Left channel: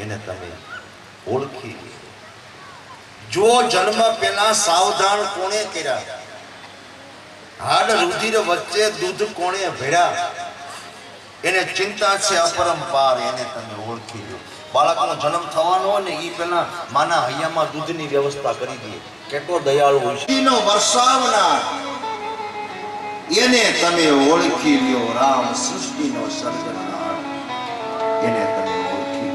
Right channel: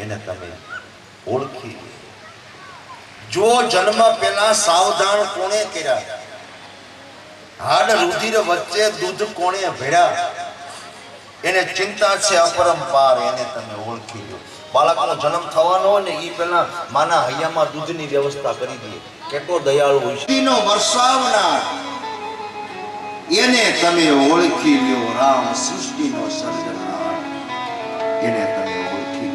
એને તમે ઓળખી જો જન્મ પહેલા સાવધાન કોણે કર્યા હાડ રુધિર વચ્ચે દૂધ કોણે ભેળ્યા એને ચિંતા છે અપરંપાર એને તમે ઓળખી લો બાળકનો જન્મ થવાનો હોય ને એ પહેલા માના હૈયામાં દૂધની વ્યવસ્થા કરી દે કેટલો દયાળુ હોય છે નો વરસાવનાર એને તમે ઓળખી લ્યો રામ સૃષ્ટિનો સર્જનહાર એને તમે ઓળખી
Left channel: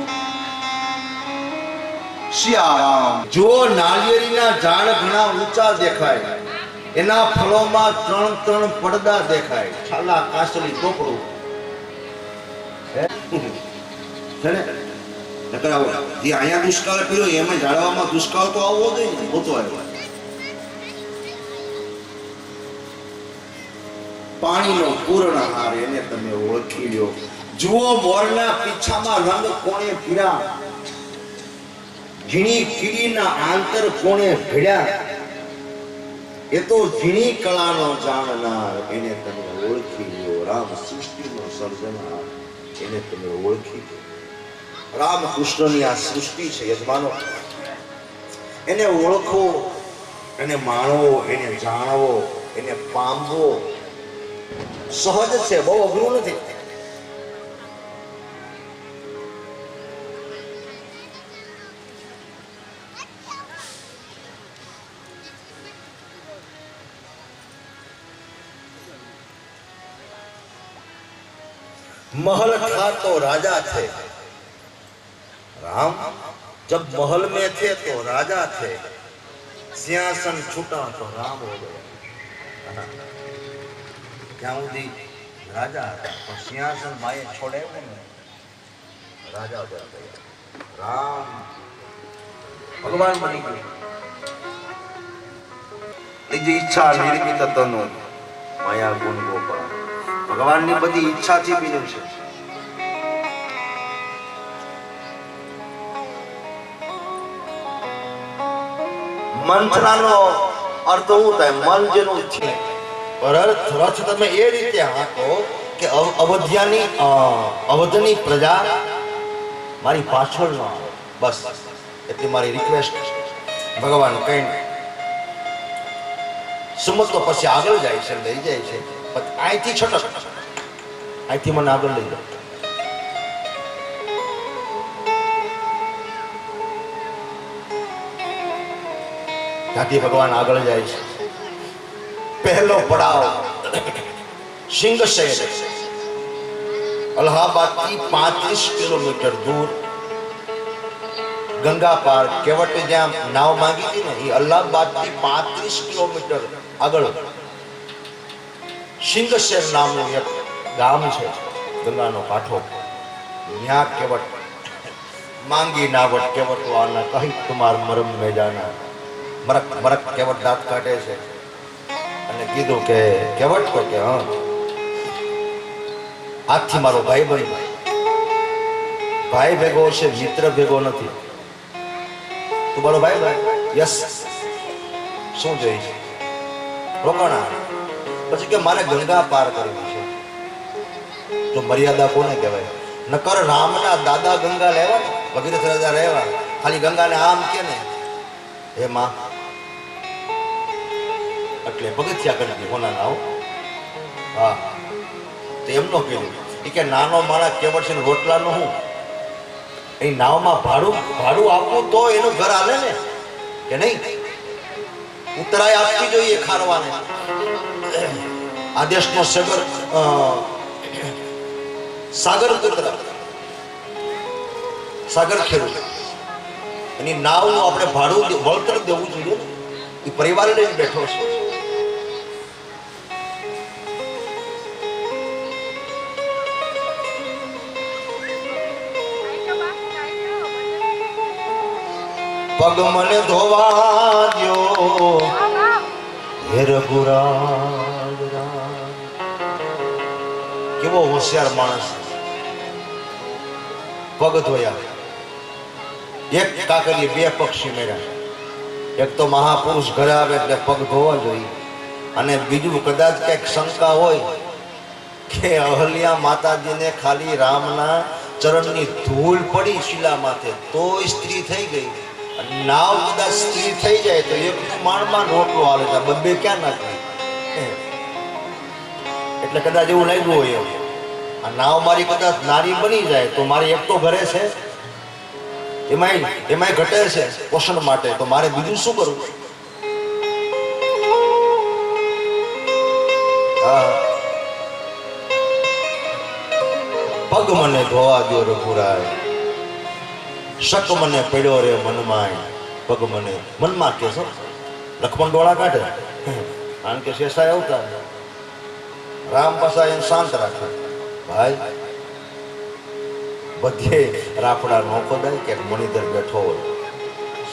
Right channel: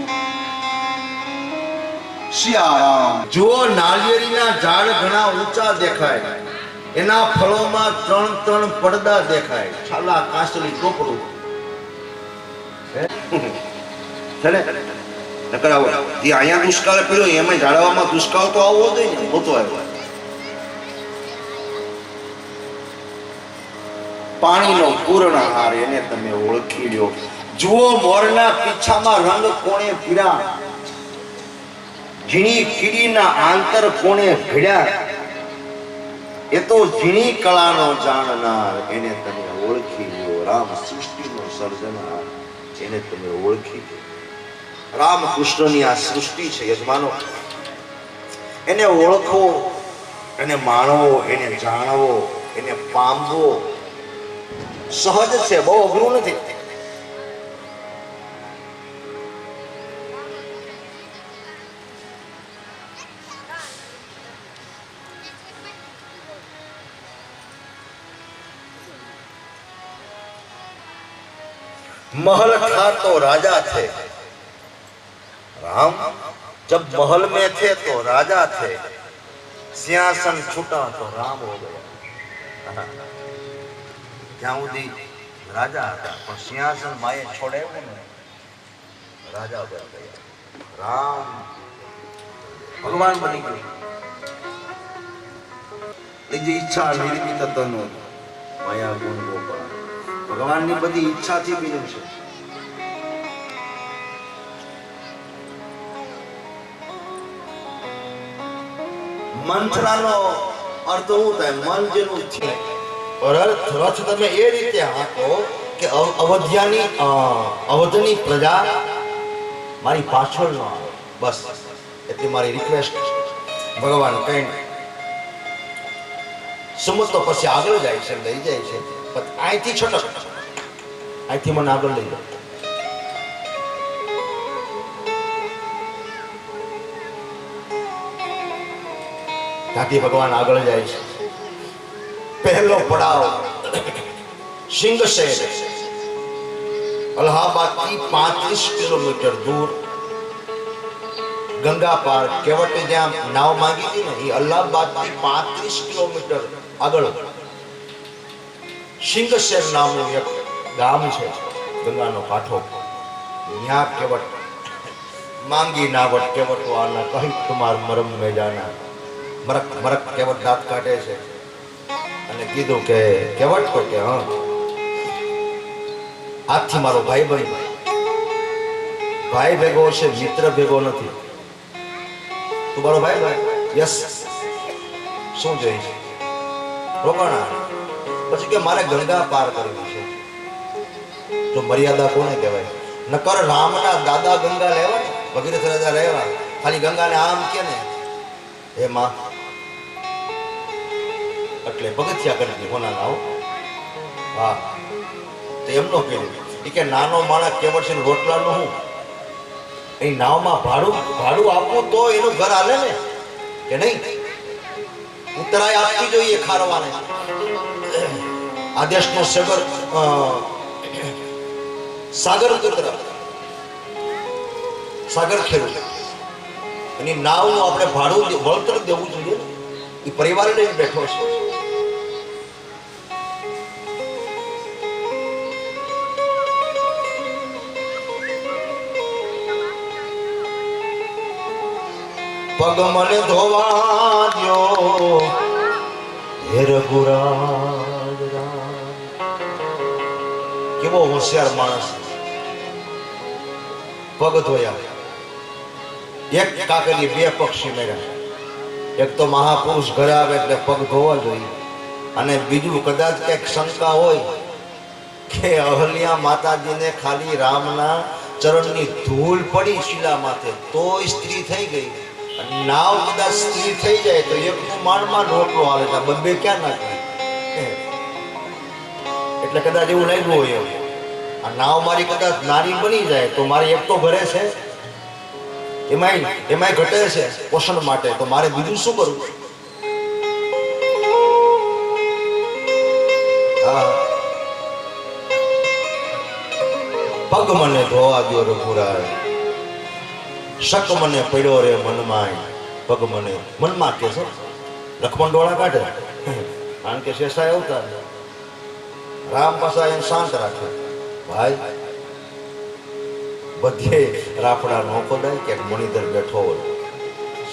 સિયારામ જો નાળિયેરીના ઝાડ ઘણા ઊંચા દેખાય એના ફળોમાં 3 પડદા દેખાય છાલા કાસલી ટોપરું ચલે નકરાવો જે અહીંયા દુષ્કાળ પડ્યો એમાં ઝાડવામાં દુષ્કાળ તો આવવો જોઈએ ને હોતો આવ્યો પાણીનો પૂર્ણ હાર એને તમે ઓળખી લ્યો જુઓ મોરના પીછામાં રંગ કોણે પીળા ઝીણી કીડીના આંતર કોણે ભેળ્યા એ તો ઝીણી કળાનો જાણનાર એને તમે ઓળખી લ્યો રામ સૃષ્ટિનો સર્જનહાર એને તમે ઓળખી લ્યો રામ કૃષ્ણની આ સૃષ્ટિ છે યજમાનો એને ઓળખો એને માણવો એને જાણવો એને પામવો સહજ છે બહુ અઘરું નથી महल था तो राजा थे राम जब महल में थे तो राजा थे सिंहासन छूटा तो राम हो गया ત્યાં સુધી રાજા હતા પણ સિંહાસન માએ છોડાવ્યું ને રાજા બની ગયા રામ ભગવાન બની ગયો એ જે ઈચ્છા નિર્મિત તનો માયા ગુણ ગોપાલ ભગવાનની બધી ઈચ્છાથી બન્યું છે મંથરાનો અર્થ શું થાય મન જેનું છે રથ તમે એ રીતે હાંકો કે અવધની પ્રજા મારી પાછળ ન આવે બસ એટલી મારી રિક્વેસ્ટ ભગવાન કઈ સમજ તો પછી આગળ જાય છે લઈ જાય છે પણ અહીંથી છટક અહીંથી મને આગળ લઈ જાય ત્યાંથી ભગવાન આગળ જાય છે पहलो पड़ाव सिंह शहर अलाहाबाद की 35 किलोमीटर दूर गंगा पार केवट ज्यां नाव मांगी थी ने अलाहाबाद की 35 किलोमीटर આગળ સિંહ શહેર નામનું એક ગામ છે ગંગાનો કાંઠો ત્યાં કેવટ માંગી નાવટ કેવટ વાળા કહી તમાર મરમ મે જાના મરક મરક કેવટ દાંત કાઢે છે અને કીધું કે કેવટ તો કે હા આજથી મારો ભાઈ બની ભાઈ ભેગો છે મિત્ર ભેગો નથી તું મારો ભાઈ ભાઈ યસ શું જોઈ છે રોકાણા પછી કે મારે ગંગા પાર કરવી છે તો મર્યાદા કોને કહેવાય નકર રામના દાદા ગંગા લેવા ભગીરથ રાજા લેવા ખાલી ગંગાને આમ કે ને હે માં એટલે પગથિયા કરી દીધી હોના નાવ હા તો એમનો કીધું એ કે નાનો માણસ કેવટ છે રોટલાનો હું એ નાવમાં ભાડું આપવું તો એનું ઘર હાલે ને કે નહીં ઉત્તરાય આપવી જોઈએ ખારવાને આ દેશનો સાગર પુત્ર સાગર ખેડૂત એની નાવનું આપણે ભાડું વળતર દેવું જોઈએ એ પરિવાર લઈને બેઠો છે પગ મને ધોવા દ્યો હે રઘુરાજ કેવો હોશિયાર માણસ પગ ધોયા એક કાકરી બે પક્ષી મેળ્યા એક તો મહાપુરુષ ઘરે આવે એટલે પગ ધોવા જોઈએ અને બીજું કદાચ કઈક શંકા હોય કે અહલ્યા માતાજીને ખાલી રામના ચરણની ધૂળ પડી શિલા માથે તોય સ્ત્રી થઈ ગઈ. અને નાવ કદાચ સ્ત્રી થઈ જાય તો એકનું માણમાં રોટલો હાલે તો બબ્બે ક્યાં નાખી. એટલે કદાચ એવું લાગ્યું હોય આ નાવ મારી કદાચ નારી બની જાય તો મારી એક તો ઘરે છે, એમાંય ઘટે છે પોષણ માટે, તો મારે બીજું શું કરવું? પગ મને ધોવા દો રઘુરાય, શક મને પડ્યો રે મનમાં, પગ મને મનમાં કે છે લક્ષ્મણ ડોળા કાઢે, કારણ કે શેષાય આવતા રામ પાસા એમ શાંત રાખે. ભાઈ બધે રાફડા નો ખોદાય કે મણિધર બેઠો હોય,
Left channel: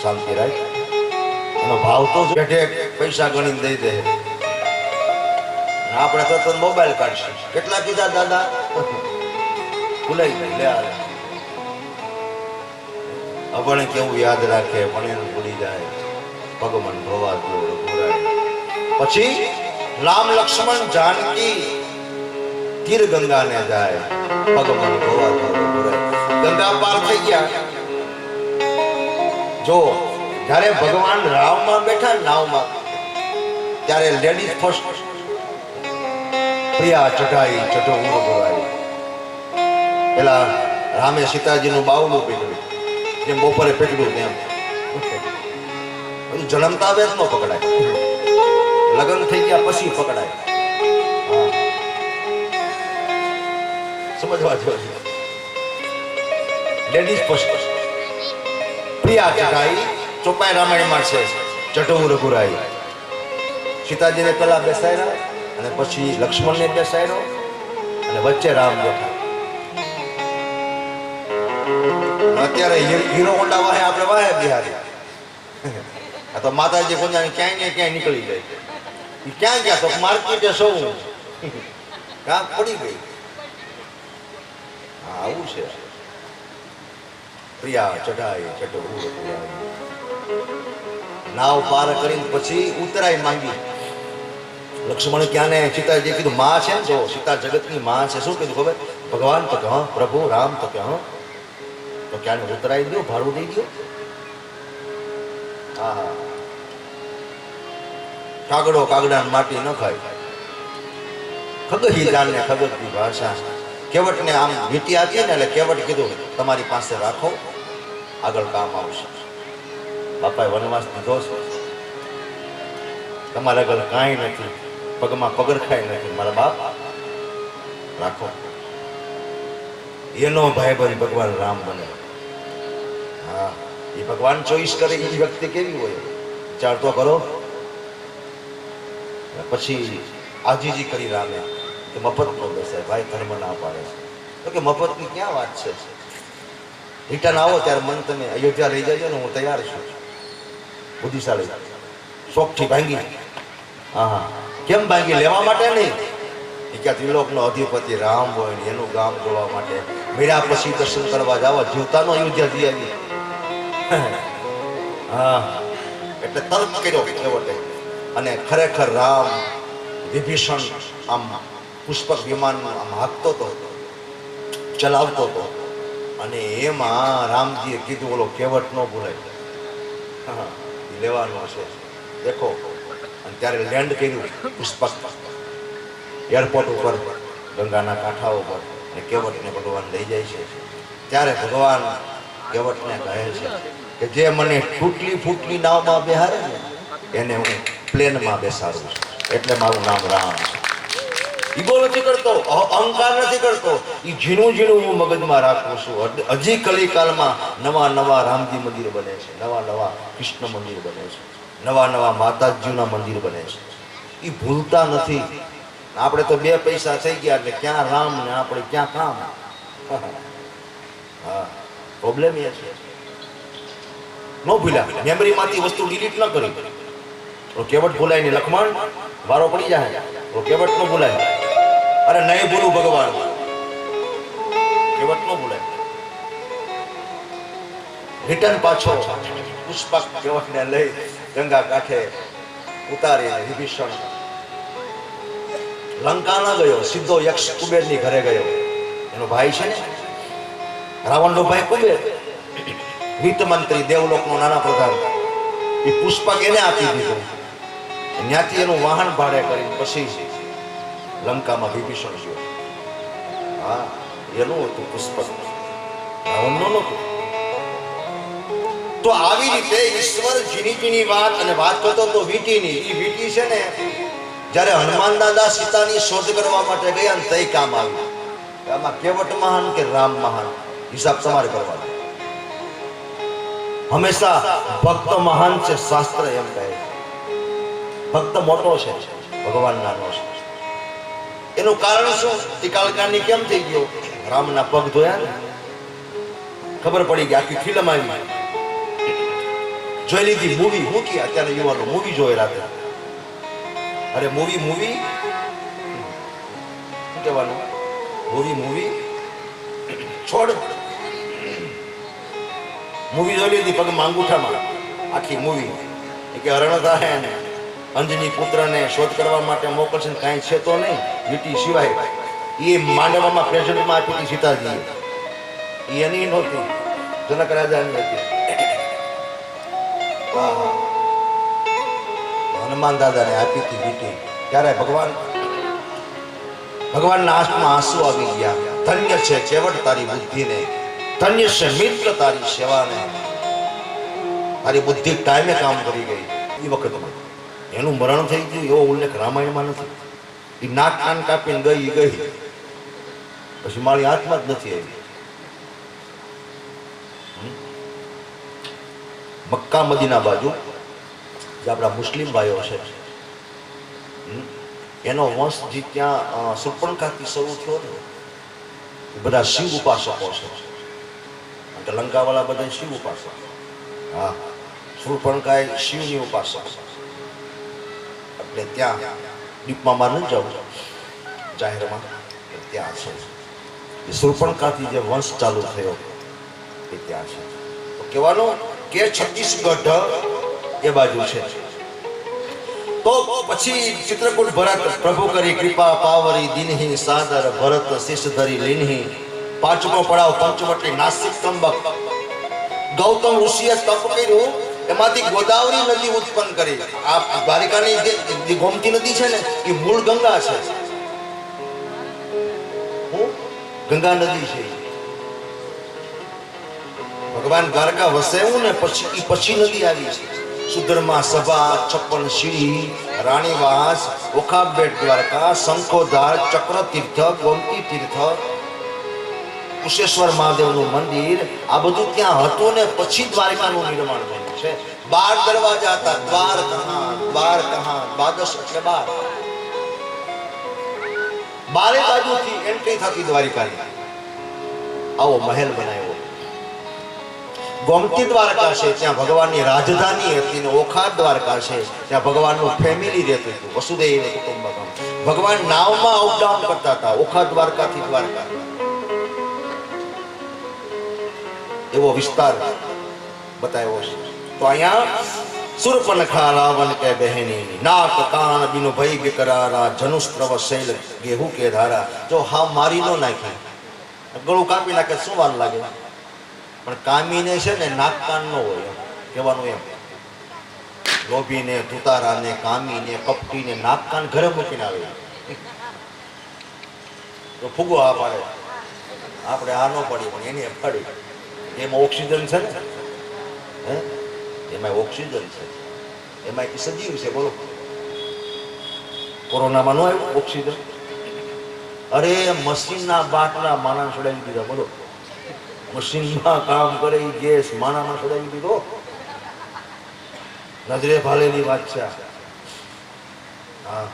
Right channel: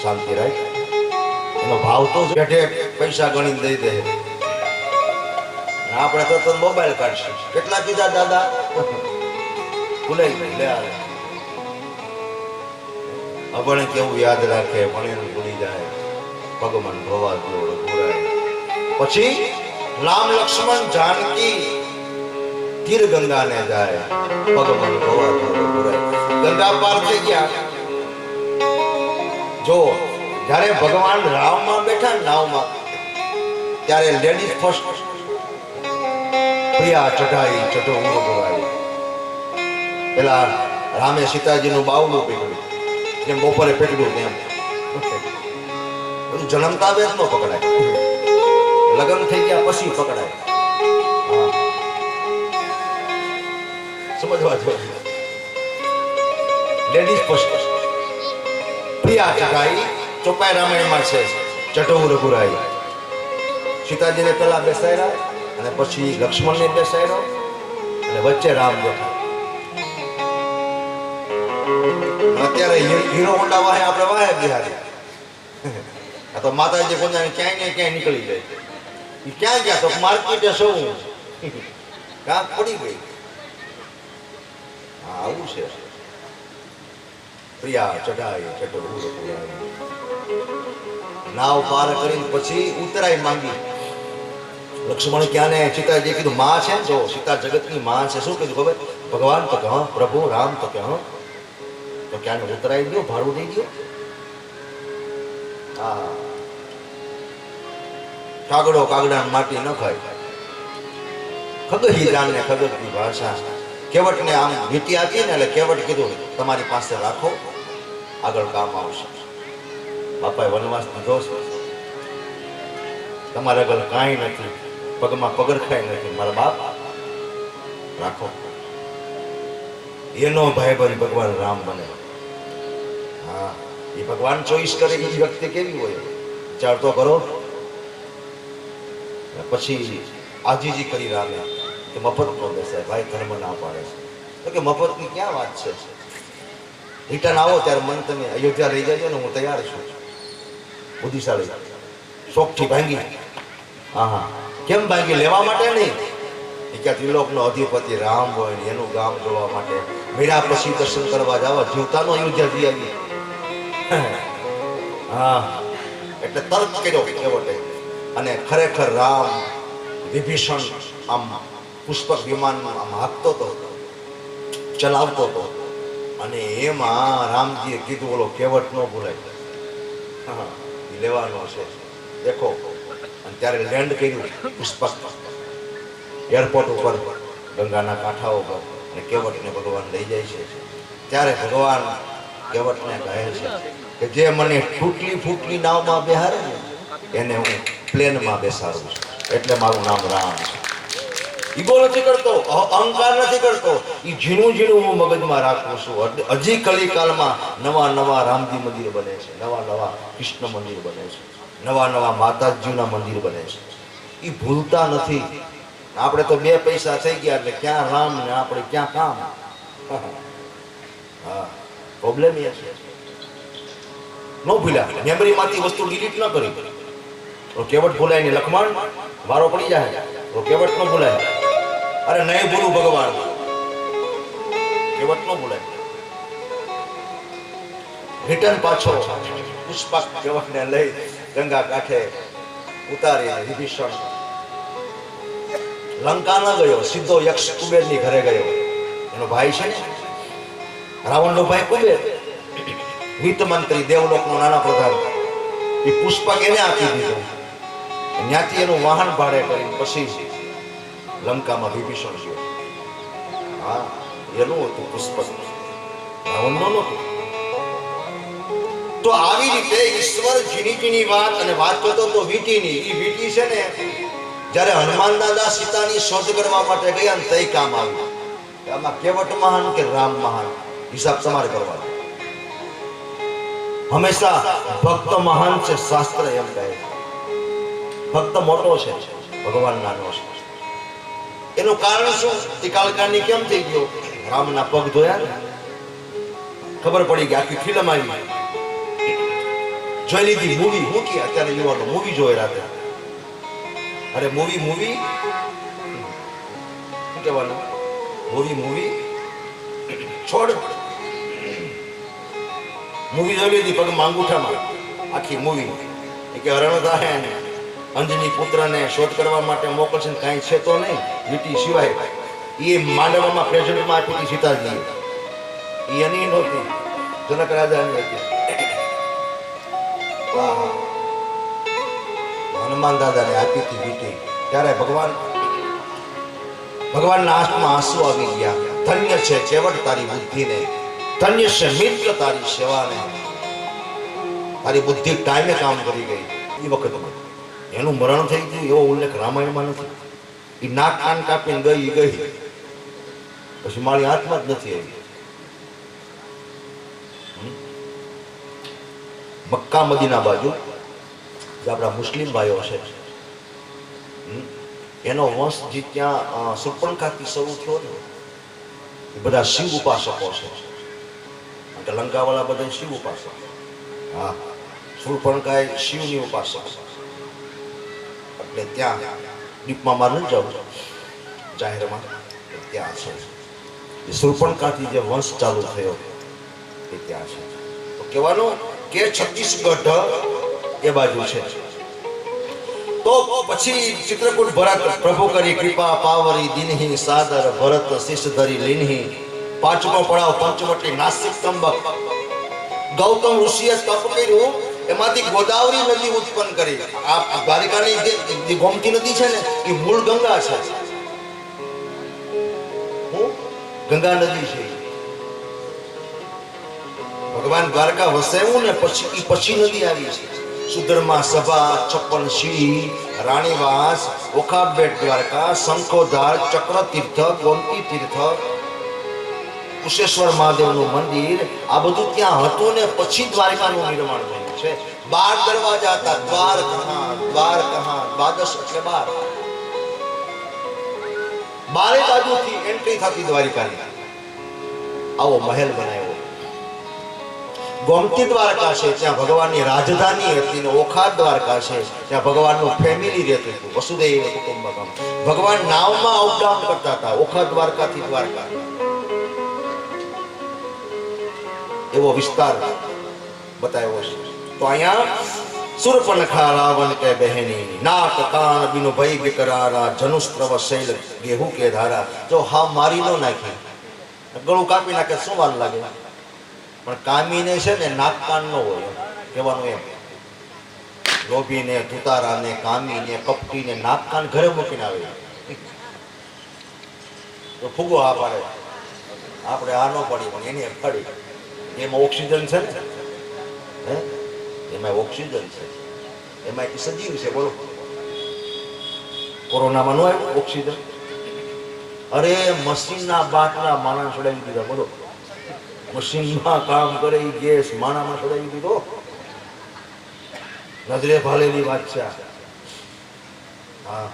શાંતિ રાખ. એનો ભાવ તો બેઠે પૈસા ગણી દઈ દે, આપણે તો મોબાઈલ કાઢશું. કેટલા કીધા દાદા? ભૂલાઈ ગઈ. લે અભણ કેવું યાદ રાખે, પણ એનું ભૂલી જાય. ભગવાન ધોવા દો રઘુરાય. પછી રામ લક્ષ્મણ જાનકી તીર ગંગાને જાય. ભગવાન ધોવા દો રઘુરાય. ગંગા પાર થઈ ગયા. જો જ્યારે ભગવાન રામમાં બેઠા નાવમાં, ત્યારે લેડીઝ ફર્સ્ટ પ્રિયા ચઢાઈ ચઢો ઉભરાઈ. પેલા રામે સીતાજીનું બાવલું પકડ્યું, જેમ બપોરે પકડ્યું તેમ. બધું જન્મતા વેદ ન પકડાય, લગ્ન થઈ ગયા પછી પકડાય. સમજવા જોઈએ. લેડીઝ ફર્સ્ટ પ્રિયા ચઢાઈ. ચોપાઈ રામાયણમાં છે ચઢો રઘુરાઈ. સીતાજીને પેલા બેસાડ્યા અને પછી લક્ષ્મણને બેસાડ્યો અને વચ્ચે રામ બેઠા. અત્યારે હીરો હોન્ડા વાહે આપણે વાહે બિહારી. આ તો માતાજી કોને ક્યાંય ને ક્યાંય નીકળી જાય. ક્યાં ગયા તો માર્કેટે સૌ કામ પડી ગઈ. હા આવું છે. પ્રિયા ચઢાઈ ચઢો નાવ પાર કરીને પછી ઉતરાઈ માંગી. લક્ષ્મણ ક્યાં ને સીતાજી કીધું માં છે, જો સીતા જગતની માં છે. શું કીધું ખબર? ભગવાન તો કે હા, પ્રભુ રામ તો કે હા. તો ક્યાં ઉતરાઈ દો, ભાડું દઈ દો. હા કાગડો કાગડા માટી ન ખાય. ખગહી જાણને ખગતની ભાષા. કેવટને આમ વીટી આપી ને એટલે કેવટ કીધું તમારી પાસે રાખો, આગળ કામ આવશે. બાપાએ વનવાસ દીધો છે, તમારા આગળ કાંઈ નથી, પગમાં પગરખાય નથી, મારા બાપ રાખો. એનો ભાઈબંધ ભગવાન રામ બને. હા એ ભગવાન ચોઈસ કરે એ વ્યક્તિ કેવી હોય વિચાર તો કરો. પછી આજીજી કરી રામે કે મફત નો બેસાય, ભાઈ ધર્મ ના પાડે છે. તો કે મફતની ક્યાં વાત છે? રિટર્ન આવો ત્યારે મને તમે અયોધ્યા લઈ જજો ને, હું તૈયાર છું. બુદ્ધિશાળી શોખથી ભાંગી. હા હા કેમ ભાંગી? લેવા માટે નહીં. એ ક્યાં ત્રિલોકનો અધિપતિ રામ હોય ને એનું ગામ જોવા માટે. મીરા પછી દર્શન કરવા જવા જીવતાનો અયોધ્યા જઈ આવી. હા એટલે તર્ક કર્યો કેવટે. અને ખરેખર રામ વિભીષણ આમ પુષ્પક વિમાન આમ હાંકતો હતો, ચલાવતો હતો. અને એમાં રામજીએ કીધું બોલો કેવટ ન ભૂલાય, હા લેવાનો છે દેખો. અને ત્યારે લેન્ડ કર્યું પુષ્પક એરપોર્ટ ઉપર, ગંગાના કાંઠા ઉપર. અને કેવટને ભગવાન લઈ જાય છે. ત્યારે ભગવાન કેવટને કહે છે કે જે મને તૂટલી ફૂટલી નાવમાં બેહારે ને એને હું પ્લેનમાં બેસાડું છું. એટલે મારું નામ રામ છે. ઈગો નથી કરતો, અહંકાર નથી કરતો. એ ઝીણું ઝીણું હું મગજમાં રાખું છું. હજી કલિકાલમાં નવા નવા રામજી મંદિર બને છે, નવા નવા કૃષ્ણ મંદિર બને છે, નવા નવા માતાજીના મંદિર બને છે. એ ભૂલતા નથી. આપણે તો બે પૈસા થઈ ગયા એટલે ક્યાં રામ ને આપણે ક્યાં કામ. હા પ્રોબ્લેમ એ છે. ન ભૂલ્યા, મેમરીમાંથી વસ્તુ ડિલીટ ન કરી. તો કેવટ ભૂલાય નહીં. લક્ષ્મણ વારો પડી જાય તો કેવટ ન ભૂલાય. અરે નહીં ભૂલું ભગવાન, કેવટ ન ભૂલાય. રિટર્ન પાછો પુષ્પક કેવટને લઈ ગંગા કાંઠે ઉતારી વિભીષણ લંકા ન ગયો, સીધો યક્ષ કુબેરની ઘરે ગયો. એનો ભાઈ છે ને રાવણનો ભાઈ કુબેર, વિત્ત મંત્રી, દેવલોકનો નાના પ્રધાન, એ પુષ્પક એને આપી દીધો. ત્યાંથી એનું વાહન ભાડે કરી પછી લંકામાં વિભીષણ ગયો. હા, એનું હતું પુષ્પક, રાવણનો નહોતું. તો આવી રીતે ઈશ્વર ઝીણી ઝીણી વાત, અને વાત કરતો તો વીંટીની. એ વીંટી છે ને, જ્યારે હનુમાન દાદા સીતાની શોધ કરવા માટે ગયા ને તઈ કામ આવ્યું. આમાં કેવટ મહાન કે રામ મહાન, હિસાબ તમારે કરવાનો. હંમેશા ભક્ત મહાન છે, શાસ્ત્ર એમ કહે. ભક્ત મોટો છે, ભગવાન નાનો છે. એનું કારણ શું? કાળકાની કેમ થઈ ગયો? રામના પગ ધોયા ને, ખબર પડી ગઈ. આખી ફિલ્મ આવી, જોઈ લીધી. મૂવી હું કે અત્યારે યુવાનો મૂવી જોઈ રાતે. અરે મૂવી શું કહેવાનું? મૂવી છોડ. મૂવી જોઈ લીધી પગમાં અંગૂઠામાં, આખી મૂવી. કે હરણદાહે અંજની પુત્રને શોધ કરવા માટે મોકલશે, કાંઈ છે તો નહીં વીટી સિવાય. એ માંડવામાં પ્રેઝન્ટમાં આપી હતી સીતાજી. એ એની નહોતી, જનક રાજાની હતી. હનુમાન દાદાને આપી હતી વીટી. ત્યારે ભગવાનના આંખમાં આંસુ આવી ગયા. ધન્ય છે કેવટ તારી બુદ્ધિને, ધન્ય છે મિત્ર તારી સેવાને. તારી બુદ્ધિ ટાઈમે કામ કરી ગઈ. એ વખતમાં એનું મરણ થઈ ગયું એવો ઉલ્લેખ રામાયણમાં નથી. એ નાક કાન કાપીને ગઈ પછી મારી હાથમાં જ નથી આવી. મક્કા મદીના બાજુ જે આપણા મુસ્લિમ ભાઈઓ છે, એનો વંશ જે ત્યાં સુર્પણખાથી શરૂ થયો ને, એ બધા શિવ ઉપાસકો છે. લંકાવાળા બધા શિવ ઉપાસક. હા, સુર્પણખાએ શિવની ઉપાસક. એટલે ત્યાં દીપમાં ન જાઉં જાહેરમાં, ત્યાં છે. સુર્પણખાથી જે વંશ ચાલુ થયો એ ત્યાં છે. તો કહેવાનું કે છત્તીસગઢ એ બાજુ છે. તો પછી ચિત્રકૂટ ભરત પ્રભુ કરી કૃપા પાવરી દિનહી સાદર ભરત શિષ ધરી લીનહી. પાંચમો પડાવ પંચવટી નાસિક ત્રંબક. ગૌતમ ઋષિએ તપ કર્યું, એમાંથી ગોદાવરી નદી ઉત્પન્ન કરી. આ દ્વારિકાની જે ગોમતી નદી છે ને, એ મૂળ ગંગા છે. ગંગા નદી છે. ભગવાન દ્વારકા વસાવ્યું ને પછી નદી આવી છે. સુધર્મા સભા, 56 સીડી, રાણીવાસ, ઓખાબેટ દ્વારકા, શંખોધાર, ચક્ર તીર્થ, ગોમતી તીર્થ, કુશેશ્વર મહાદેવનું મંદિર, આ બધું ત્યાં હતું ને પછી દ્વારકાનું નિર્માણ થયું છે. 12 દરવાજા હતા. દ્વાર કહાં, દ્વાદશ એટલે 12. 12 બાજુથી એન્ટ્રી થતી દ્વારિકાની. આવો મહેલ બનાવ્યો. ગોમતી દ્વારકા છે, ત્યાં ભગવાનની રાજધાની હતી. ને ઓખા દ્વારકા છે, ત્યાં ભગવાનનું ફેમિલી રહેતું હતું, વસુદેવ કુટુંબકમ. ભગવાન નાવમાં અપડાઉન કરતા હતા ઓખા દ્વારકાથી દ્વારકા. એવો વિસ્તાર બતાવ્યો છે. તો અહીંયા સુરપનખા રાવણ કે બહેની, નાક કાન બિનો ભય બિકરારા, જનુસ્ત્રવ શૈલ ગેહુ કે ધારા. જો હા મારી નો નાખી, ગળું કાપી નાખે શું વાર લાગે? પણ કામીને છે ને નાક કાન નો હોય કહેવાનું એમ. લોભીને, તુતારાને, કામીને, કપટીને નાક કાન ઘરે મૂકીને આવે તો ફૂગો આ પાડે. આપણે આ ન પડી પણ એને પડી. એમાં ઓક્સિજન છે ને, હે એમાં ઓક્સિજન છે, એમાં સજીવ છે. બોલો, કોરોનામાં નો આવ્યું ઓક્સિજન? અરે મશીનના બાટલા માણસ છોડાવી દીધા. બોલો, મશીનમાં કામ કરે એ ગેસ માણામાં છોડાવી દીધો. નજરે ભાલેલી વાત છે. હા,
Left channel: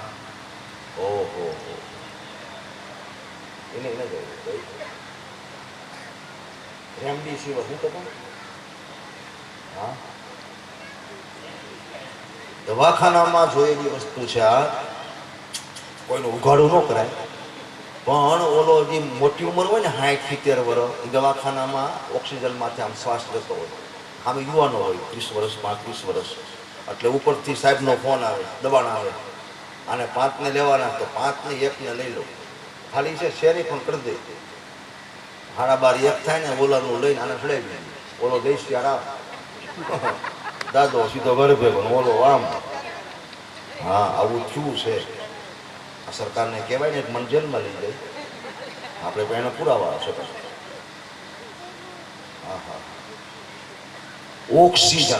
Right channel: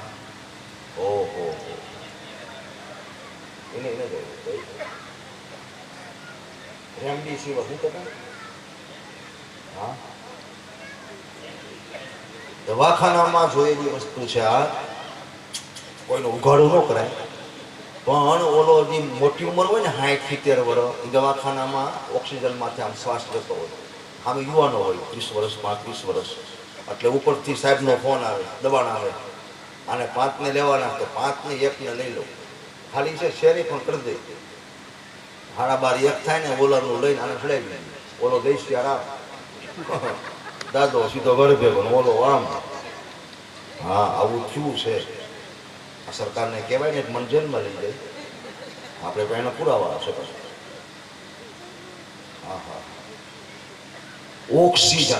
ઓહો, એને રેમડેસિવિર શું કહે? હા, દવાખાનામાં જોયેલી વસ્તુ છે. આ કોઈનું ઉઘાડું ન કરાય, પણ ઓલો જે મોટી ઉંમર હોય ને 60-70 વર્ષ, એ દવાખાનામાં ઓક્સિજનમાંથી આમ શ્વાસ લેતો હોય. આમ યુવાનો હોય 30 વર્ષ 35 વર્ષ. એટલે ઉપરથી સાહેબનો ફોન આવે, દબાણ આવે, આને 5 ને લેવાના, તો 5 ને 1 ને લઈ લો, ખાલી છે શેરી પણ કરી દે. 12:30 થાય ને ઓલાનું લઈને આને ચડાવી ઓલો દેશ યાર દાદો સીધો ઘરે ભેગો ઓલો આમ હા આવું થયું છે આ સરકારને કહેવાય ને મન જેલમાં લઈ જાય આપણે પણ એનો પુરાવા છે હા હા ઓક્સિજન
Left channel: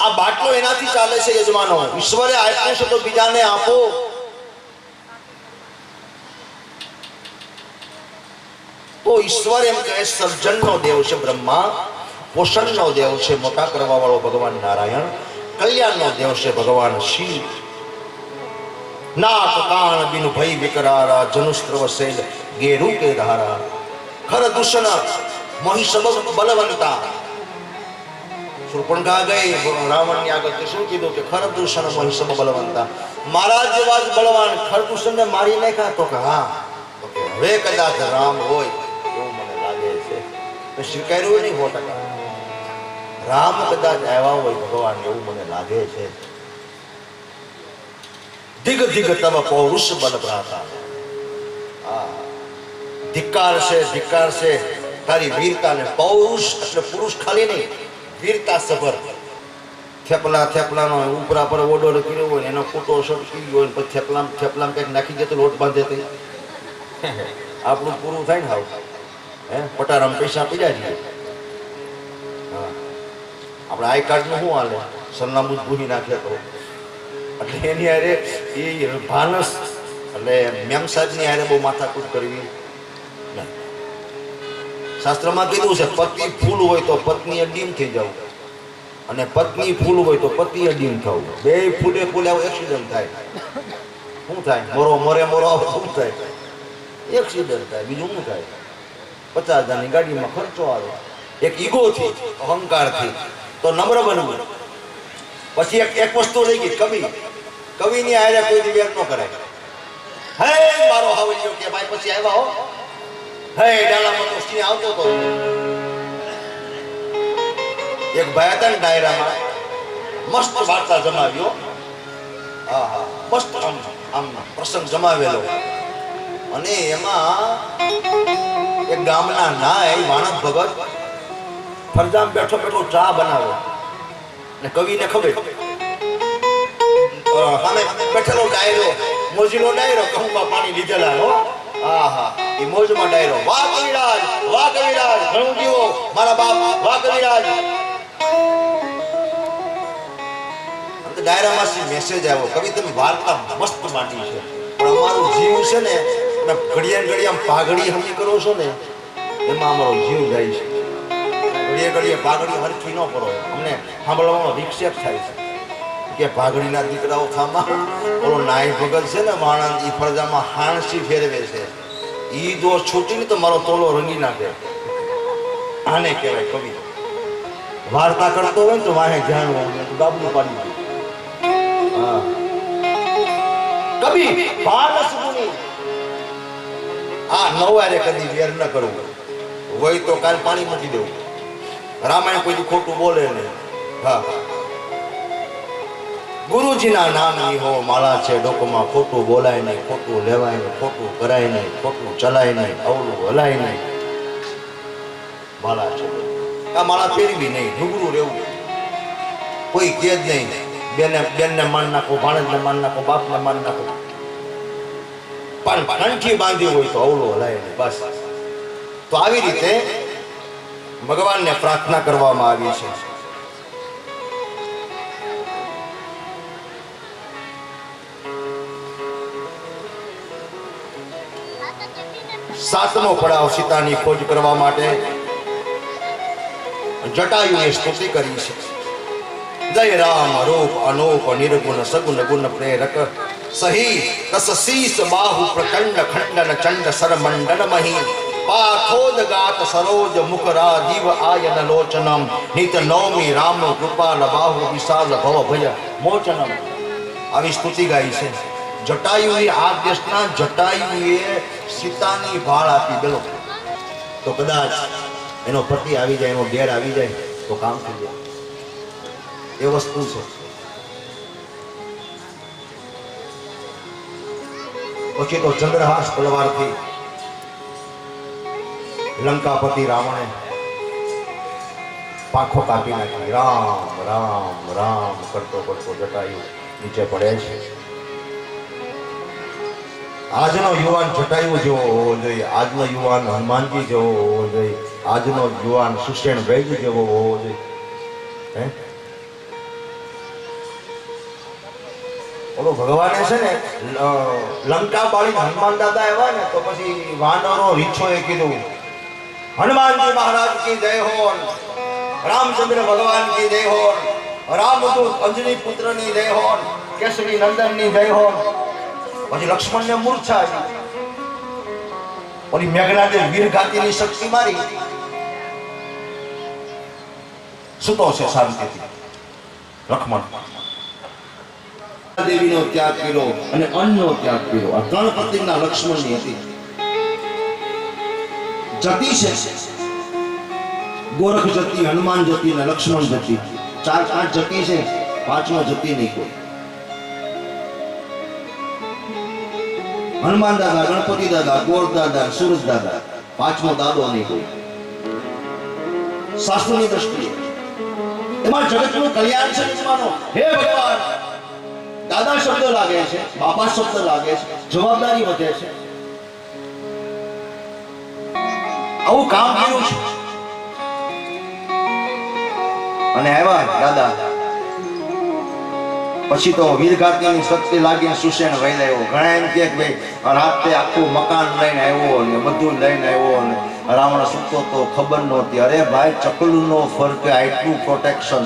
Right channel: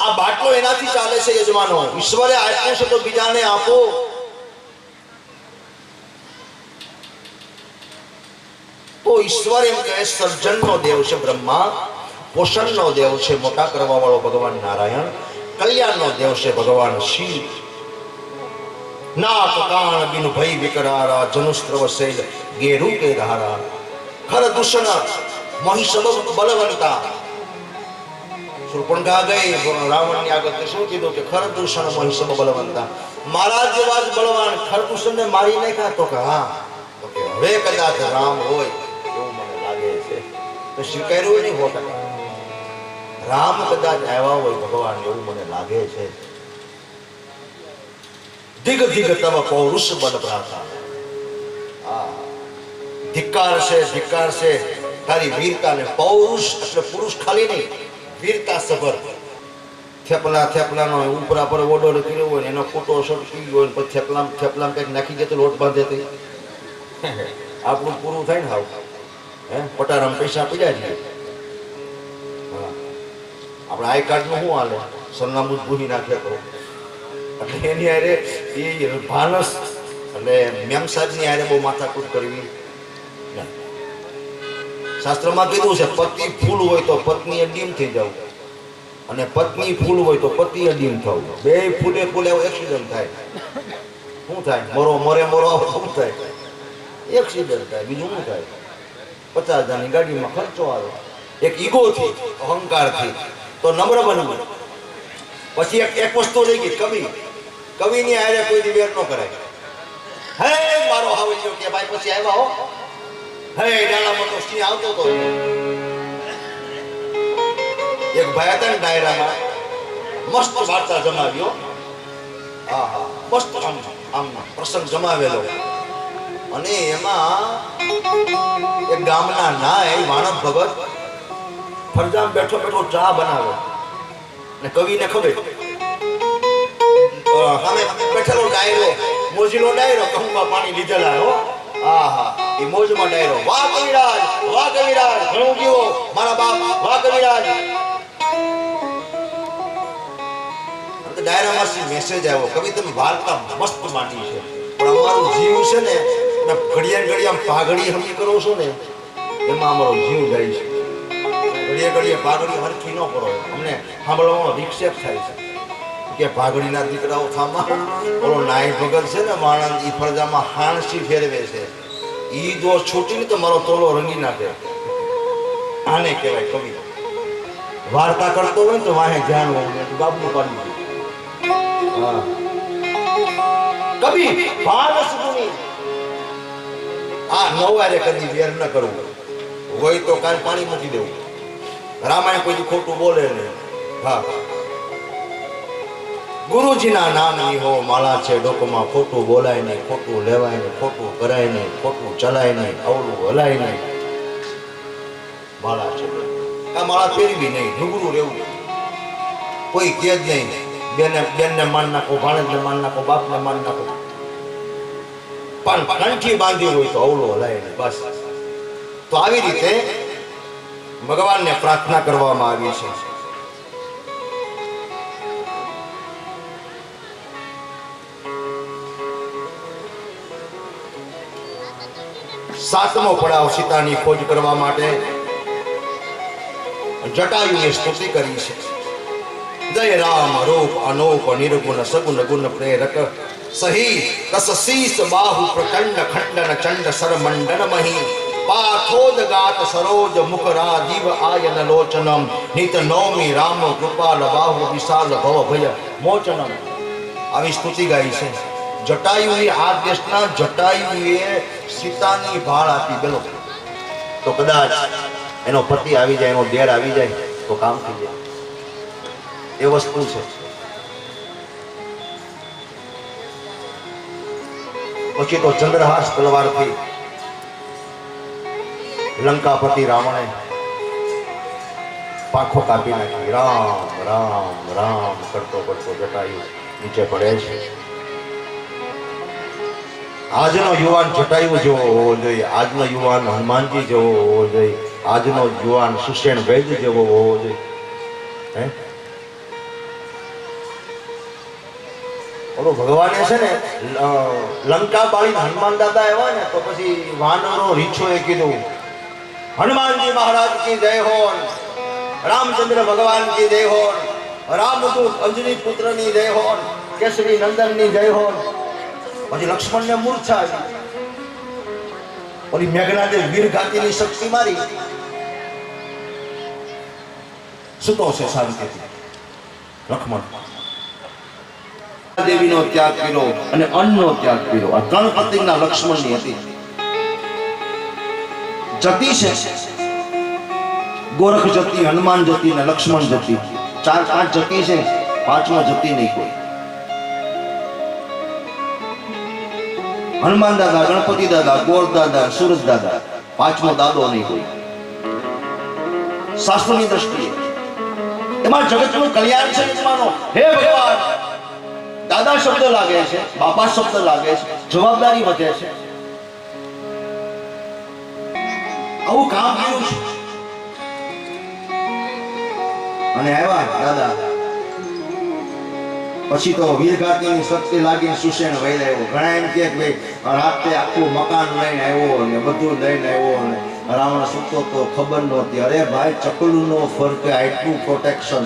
આ બાટલો એનાથી ચાલે છે યજમાનો ઈશ્વરે આપ્યું છે તો બીજાને આપો તો ઈશ્વર એમ કહે સર્જનનો દેવ છે બ્રહ્મા પોષણનો દેવ છે મોટા કરવા વાળો ભગવાન નારાયણ કલ્યાણનો દેવ છે ભગવાન શિવ નાક કાન બિન ભય વિકરારા જનુસ્ત્રવ શૈલ ગેરુ કે ધારા ખર દૂષણ મહિષબ બલવંતા સુરપણખા ગઈ રાવણની આગળ શું કીધું કે ખર દૂષણ મહિષબ બલવંતા મારા જેવા જ બળવાન ખર દૂષણને મારી નાખ્યા તો કે હા તો કે હવે કદાચ રામ હોય એવું મને લાગે છે તો સ્વીકાર્યું નહીં 100% રામ કદાચ આવ્યા હોય ભગવાન એવું મને લાગે છે દિગ દિગ તવ પૌરુષ બલ પ્રાતા ધિક્કાર છે તારી વીરતા ને પૌરુષ એટલે પુરુષ ખાલી નહીં વીરતા સભર થેપલાનો ઉપરા પર ઓર્ડર કર્યો હોય એનો ફોટો શોટ કર્યો હોય પછી થેપલામાં કંઈક નાખી દે તો લોટ બાંધે તે આપણું પૂરું થાય ને હાવ હે પટારામ પૈસા પડ્યા છીએ હા આપણે આઈ કાર્ડનું શું હાલે સરનામું જ ભૂલી નાખે તો એટલે એની હારે એ ભાનસ એટલે મેમ સાહેબની હારે બહુ માથાકૂટ કરવી શાસ્ત્રમાં કીધું છે પતિ ફૂલ હોય તો પત્ની ડીમ થઈ જવું અને પત્ની ફૂલ હોય તો પતિ ડીમ થવું બે ફૂલે એક્સિડન્ટ થાય શું થાય મોરો શું થાય એક્સિડન્ટ થાય બીજું શું થાય 50,000ની ગાડીમાં ખર્ચો આવે એક ઈગોથી અહંકારથી તો નમ્ર બનવું પછી એક વસ્તુ રહી ગઈ કવિની હારે કોઈ વેર ન કરાય હે મારો હાવલિયો કે ભાઈ પછી આવ્યા હો હે ડાલામાં તો સિંહ આવતો તો એક ભાઈ હતા ને ડાયરામાં મસ્ત વાર્તા જમાવ્યો હા હા મસ્ત આમ પ્રસંગ જમાવેલો અને એમાં એક ગામના નાય માણસ ભગત ફરજામ બેઠો ચા બનાવે ને કવિને ખબર સામે બેઠેલો ડાયરો મોજીલો ડાયરો કહુંમાં પાણી લીધેલા હો આહા એ મોજમાં ડાયરો વાહ કવિરાજ ઘણું જીવો મારા બાપ વાહ કવિરાજ ડાયરામાં મેસેજ આવ્યો કવિ તમે વાર્તા મસ્ત માંડી છે પણ અમારું જીવ છે ને ઘડિયા પાઘડી હમી કરો છો ને એમાં અમારો જીવ જાય છે ઘડિયા પાઘડી હરખી ન કરો અમને સાંભળવામાં વિક્ષેપ થાય છે કે ભાગડીના દીકરાઓ થામા ઓલો નાય ભગત છે ને માણસ ઈ ફરજામાં હાણસી ફેરવે છે ઈ જો છૂટીને તો મારો તોલો રંગી નાખે આને કહેવાય કવિ વાર્તા કરતો હોય ને તો વાહે ધ્યાન હોય બાબુ પાડી હા કવિ ભાનસ ગુની આ નવારે કદી વેર ન કરવું હોય તો કાલ પાણી મૂકી દેવું રામાયણ કોઈ ખોટું બોલે નહીં હા ગુરુજીના નામની હો માળા છે ડોકમાં ખોટું બોલાય નહીં ખોટું લેવાય નહીં ખોટું કરાય નહીં ખોટું ચલાય નહીં અવળું હલાય નહીં માળા છે આ માળા પહેરવી નહીં રૂબરૂ રહેવું કોઈ કે જ નહીં બેનને માન નાખો ભાણેજને માન નાખો બાપને માન નાખો પણ કંઠી બાંધી હોય તો અવળું હલાય નહીં બસ તો આવી રીતે ભગવાનને પ્રાર્થના કરવામાં આવી છે સાતમો પડાવ સીતાની ખોજ કરવા માટે જટાયુએ સ્તુતિ કરી છે જય રામ રૂપ અનૂપ નિર્ગુણ સગુણ ગુણ પ્રેરક સહી કસ શીસ બાહુ પ્રચંડ ખંડન ચંડ સરમંડન મહી પાથોદ ગાત સરોજ મુખ રાજીવ આયન લોચનમ નિત નૌમી રામ કૃપાલ બાહુ વિશાલ ભવ ભય મોચનમ આવી સ્તુતિ ગાઈ છે જટાયુની આ દેશના જટાયુએ સીતાની ભાળ આપી ગયો તો કદાચ એનો પતિ આવી જાય એનો દેર આવી જાય તો કામ થઈ જાય એ વસ્તુ છે પછી તો ચંદ્રહાસ તલવારથી લંકાપતિ રાવણે પાંખો કાપી નાખી. રામ રામ રામ કરતો કરતો જટાયુ નીચે પડે છે. આજનો યુવાન જટાયુ જેવો હોવો જોઈએ, આજનો યુવાન હનુમાનજી જેવો હોવો જોઈએ, આજનો યુવાન સુષેણ વૈદ જેવો હોવો જોઈએ. હે ઓલો ભગવાને છે ને લંકા બાળી હનુમાન દાદા આવ્યા ને તો પછી વાનરો રીછોએ કીધું હનુમાનજી મહારાજ કી જય હો, રામચંદ્ર ભગવાન કી જય હો, રામદૂત અંજની પુત્રની જય હો, કેસરી નંદનની જય હો. પછી લક્ષ્મણને મૂર્છા આવી. ઓલી મેઘનાદે વીરગાતીની શક્તિ મારી સુતો છે શાંતિથી. લક્ષ્મણ દેવીનો ત્યાગ કર્યો અને અન્નનો ત્યાગ કર્યો. આ ત્રણ પ્રતિજ્ઞા લક્ષ્મણની હતી. જતી છે ગોરખ જતી, હનુમાન જતી ને લક્ષ્મણ જતી. 4-5 જતી છે, 5મો જતી નહીં કોઈ. હનુમાન દાદા, ગણપતિ દાદા, ગોર દાદા, સૂરજ દાદા, 5મો દાદો નહીં કોઈ. શાસ્ત્રોની દ્રષ્ટિએ એમાં જગતનું કલ્યાણ છે. હે ભગવાન, દાદા શબ્દ લાગે છે, બાપા શબ્દ લાગે છે, જવાબદારી વધે છે. આવું કામ કર્યું છે અને આવ્યા દાદા. પછી તો વીરગાતીની શક્તિ લાગીને સુષેણ વહી આવ્યો. ઘણા એમ કે ભાઈ રાતે આખું મકાન લઈને આવ્યો ને બધું લઈને આવ્યો ને રાવણ સૂતો તો ખબર નહોતી. અરે ભાઈ, ચકલુનો ફરક, આટલું પ્રોટેક્શન.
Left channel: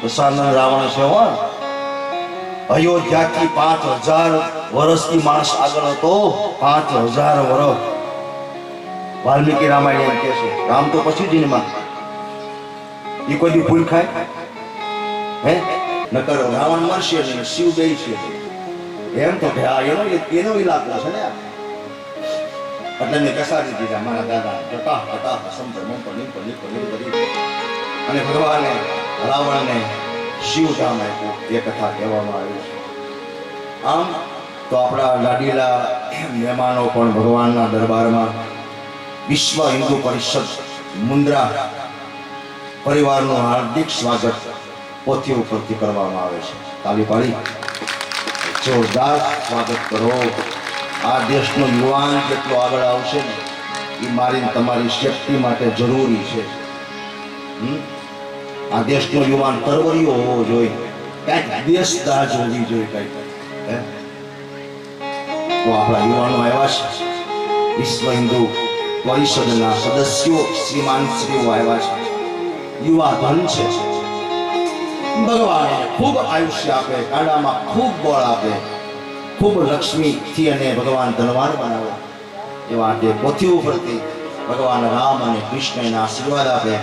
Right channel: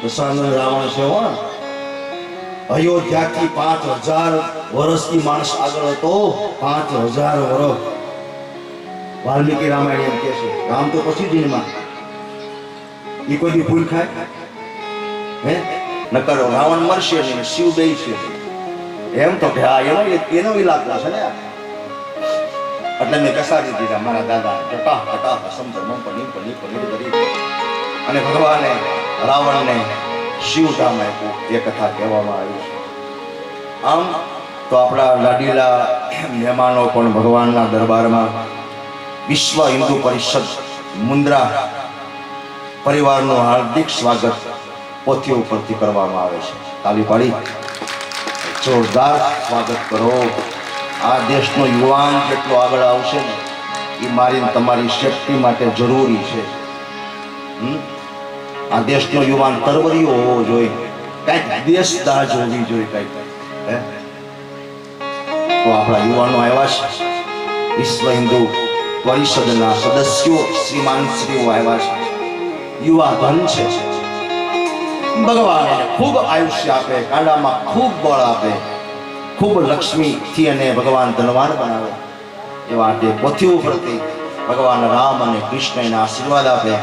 દશાનંદ રાવણ છે હો. અયોધ્યાથી 5000 વર્ષથી માણસ આગળ હતો. 5000 વર્ષ. વાલ્મીકી રામાયણ એમ કે છે. રામ તો પછી જીનમાં એ કોઈ દી ભૂલ ખાય હે નકર રાવણ મરશે ને શિવ બે છે એમ તો કે હા એનો ઇલાકો છે ને. એટલે મેં કસારી દીધા મારા દાદા ટટા ટટા સમજ મમ કરી અને ભગવાને રાવણને શિવધામ આપ્યું. એ કથા કહેવામાં આવી છે. આમ તો આપણા લાડીલા મહેમાનો પણ ભગવાનના દરબારમાં વિશ્વ હિન્દુ પરિષદ મુન્દ્રા પરિવારનું હાર્દિક સ્વાગત પોથી ઉપરથી કરવામાં આવે છે. તાલી પાડી જોરદાર સ્વાગત કરો. આ દેશનો યુવાન જેટલો આગળ આવશે ને એ મારી તમારી શક્તિ માટે જરૂરી છે. આ દેશનો યુવાન તરવરીયો હોવો જોઈએ, કંઈક દેશદાજ હોવી જોઈએ કંઈક. તો આપણા યુવાનો આવ્યા છે. વિશ્વ હિન્દુ પરિષદના સદસ્યો શ્રીમાન શ્રીઓ આવ્યા છે. યુવા ધન છે. ભગવાન ખૂબ આયુષ્ય આપે, કાંડામાં ખૂબ બળ આપે, ખૂબ લક્ષ્મીથી અને ભગવાન ધનવાન બનાવે. એવા તે પોથી ઉપરથી ભગવાન રામ અને કૃષ્ણના આશીર્વાદ આપે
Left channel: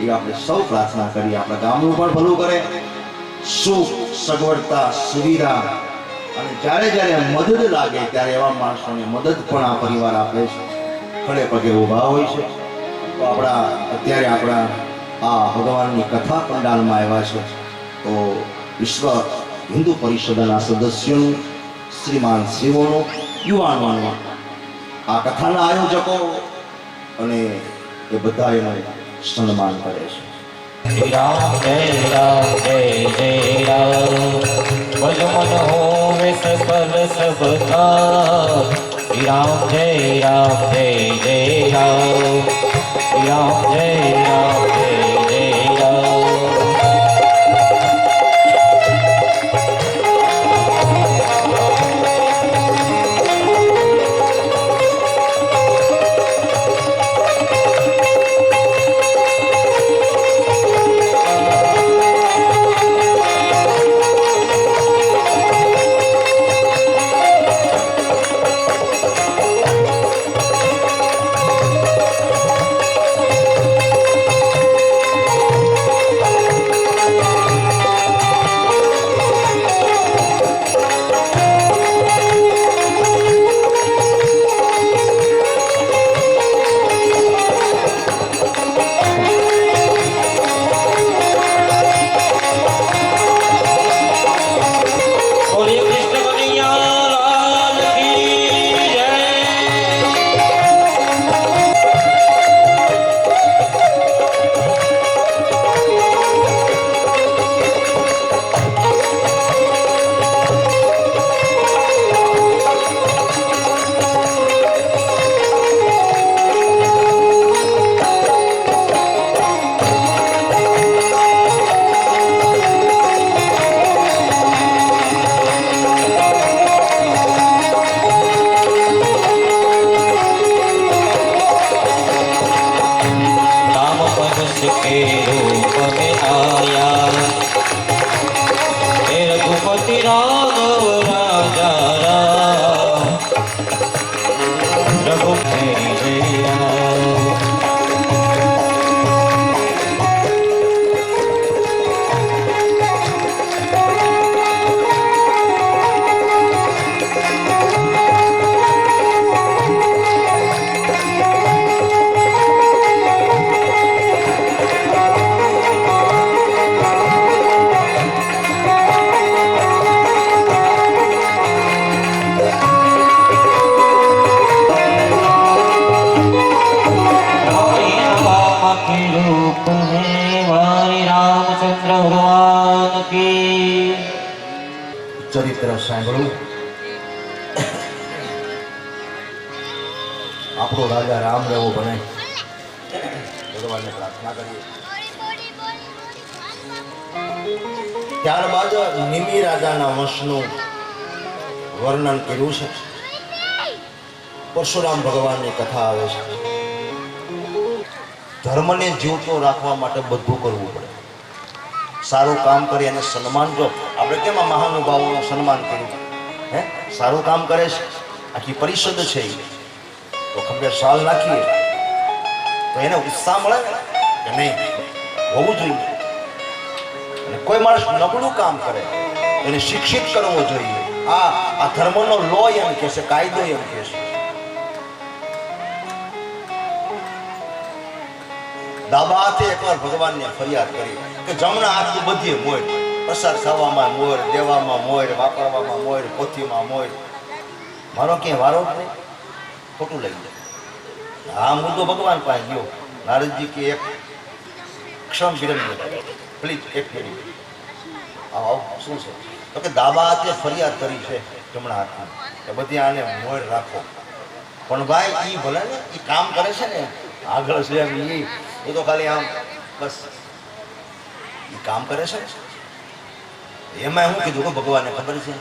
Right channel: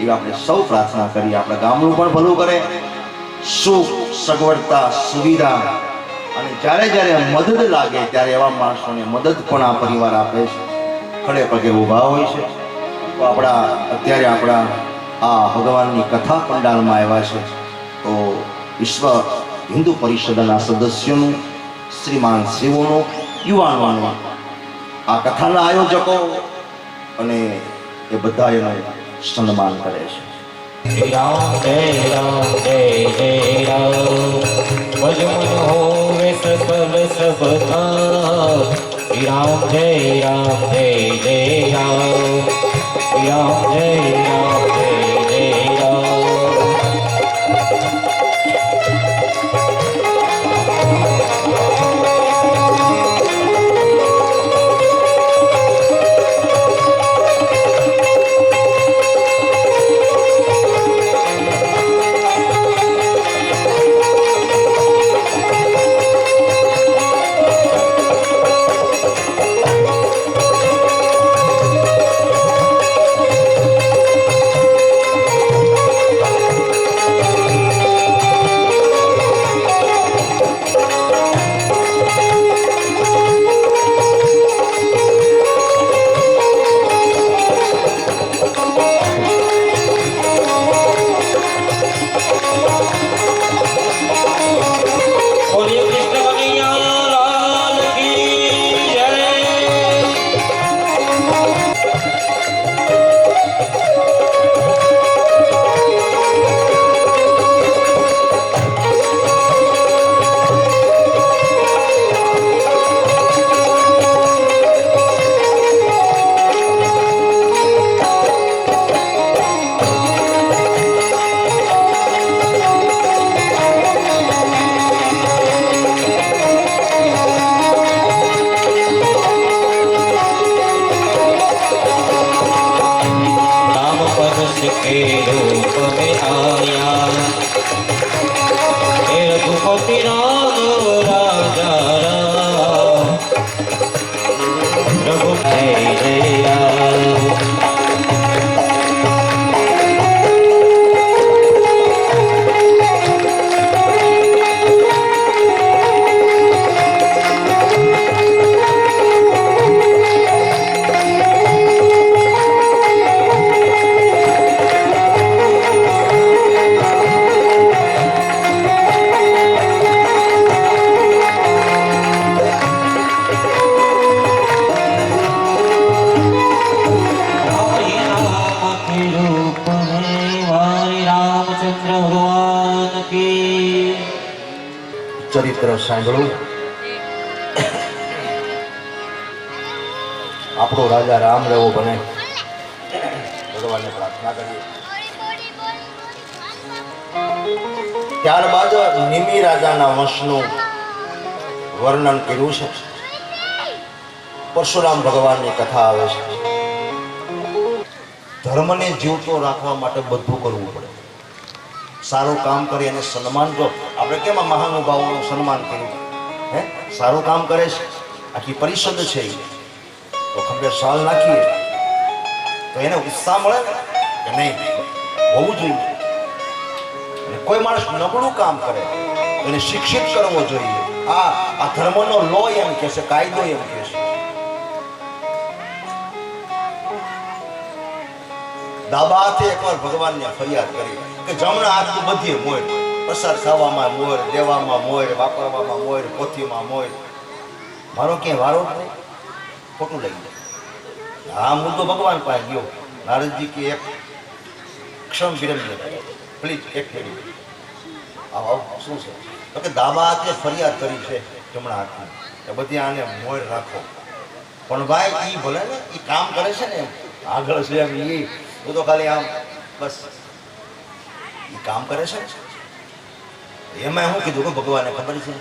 એ આપણે સૌ પ્રાર્થના કરીએ. આપણા ગામનું પણ ભલું કરે, સુખ સગવડતા સુવિધા અને જ્યારે જ્યારે મદદ લાગે ત્યારે એવા માણસોને મદદ પણ આ પરિવાર આપે છે. ખડે પગે ઊભા હોય છે. તો અત્યારે આપણા આ ભગવાનની કથા પંડાલમાં આવ્યા છે. તો વિશ્વ હિન્દુ પરિષદના સદસ્યોનું, શ્રીમાન શ્રીઓનું, યુવાનોનું, આ કથાના આયોજકો અને એ બધા એનું સન્માન કરે છે. રામ જય રામ જય જય રામ ભજમન હોવે સકલ સબકા. રામ જય રામ જય જય રામ. રામ જય રામ જય જય રામ. हे रूप में आया हे रघुपति राघव राजा राम रघुपति जय राम। ચરિત્ર સાંભળું આપણો રાજા રામ રહેવો બને ભગવાનને પ્રાર્થના કરીએ। ત્યારબાદ નિમિ રાજાના વંશનું વર્ણન કર્યું છે। પરશુરામ ભગવાનની કથા આવે છે। ધર્મને જીવતો રાખવા માટે બધું કરવું પડે। સારું કામ કરી અને સન્માન, જો આપણે કેમ આ મહાનુભાવોનું સન્માન કર્યું, હે સારું કામ કરે છે, આખી પરિષદ છે તો ખંભે શાલ નાખીએ તો એને ઉત્સાહ મળે ને કે નહીં હોવું જોઈએ। અને કોઈ માણસ નબળું કામ કરે એને શિક્ષિત કરવો જોઈએ। આ ધર્મનો લો એમ કહે છે, કાયદો એમ કહે છે। દાબા હાથે એકવાર ભગવાનને ફરિયાદ કરી કે જમણા હાથથી બધી મોર, પ્રસાદ ખાવામાં મોર, દેવામાં મોર, વાપરવામાં મોર, પોથીમાં મોર, મારો ક્યાંય વારો જ નહીં, ખોટું લઈ જાય। આ મુદ્દો ભગવાન પાસે ગયો। નારદજી કે એક ક્ષણ વિરમ્ય પ્લીઝ એક મિનિટ આવો, શું છે તો કે દાબા હાથે ફરિયાદ કરી છે જમણા હાથની કે બધી આને મોર રાખો, પણ ભાઈ એ ભલે ને એ કામ કરે છે ને આગળ છે એમ, હું તો ખાલી આમ બસ એ કામ કરે છે। એમાં હું કીધું કે ભગવાનને ખબર છે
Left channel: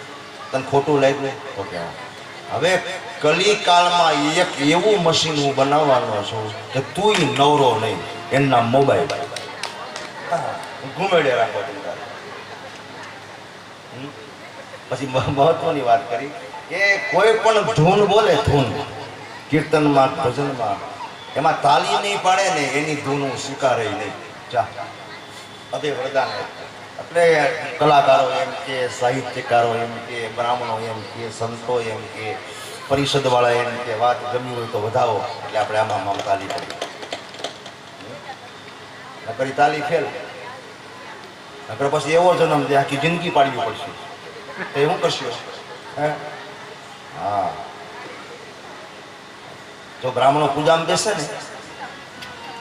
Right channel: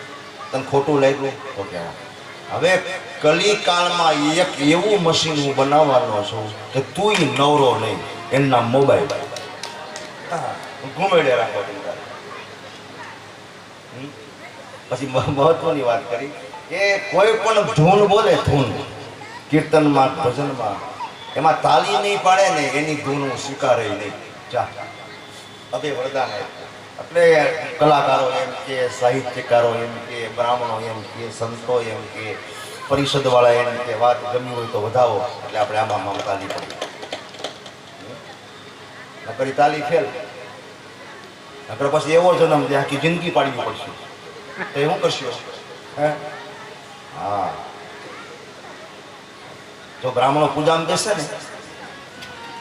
તને ખોટું લાગ્યું તો કે હવે કલિકાળમાં એક એવું મશીન હું બનાવવાનો છું કે તું નવરો નહીં, એના મોબાઈલ ઘુમેડે રાખો। પછી મહત્વની વાત કરી કે કોઈ પણ ધૂન બોલે, ધૂન કીર્તનમાં ભજનમાં, એમાં તાલી નહીં પાડે ને એની ધૂન હું સ્વીકારે નહીં। જા અભે વરદાન એટલે કલાકારો એમ કે, સાહિત્યકારો એમ કે, બ્રાહ્મણો એમ કે, સંતો એમ કે, પરિષદવાળા એમ કે વાત ગમી હોય તો વધાવો, એટલે આપણે આમાં તાલી પડી નકરી તાલી ફેલ નકર પછી એવો જન્મ જે આખી જિંદગી પાડવી પડશે તો એ શું કરશું? હે હા, જો બ્રાહ્મણો પૂજામાં બેસે ને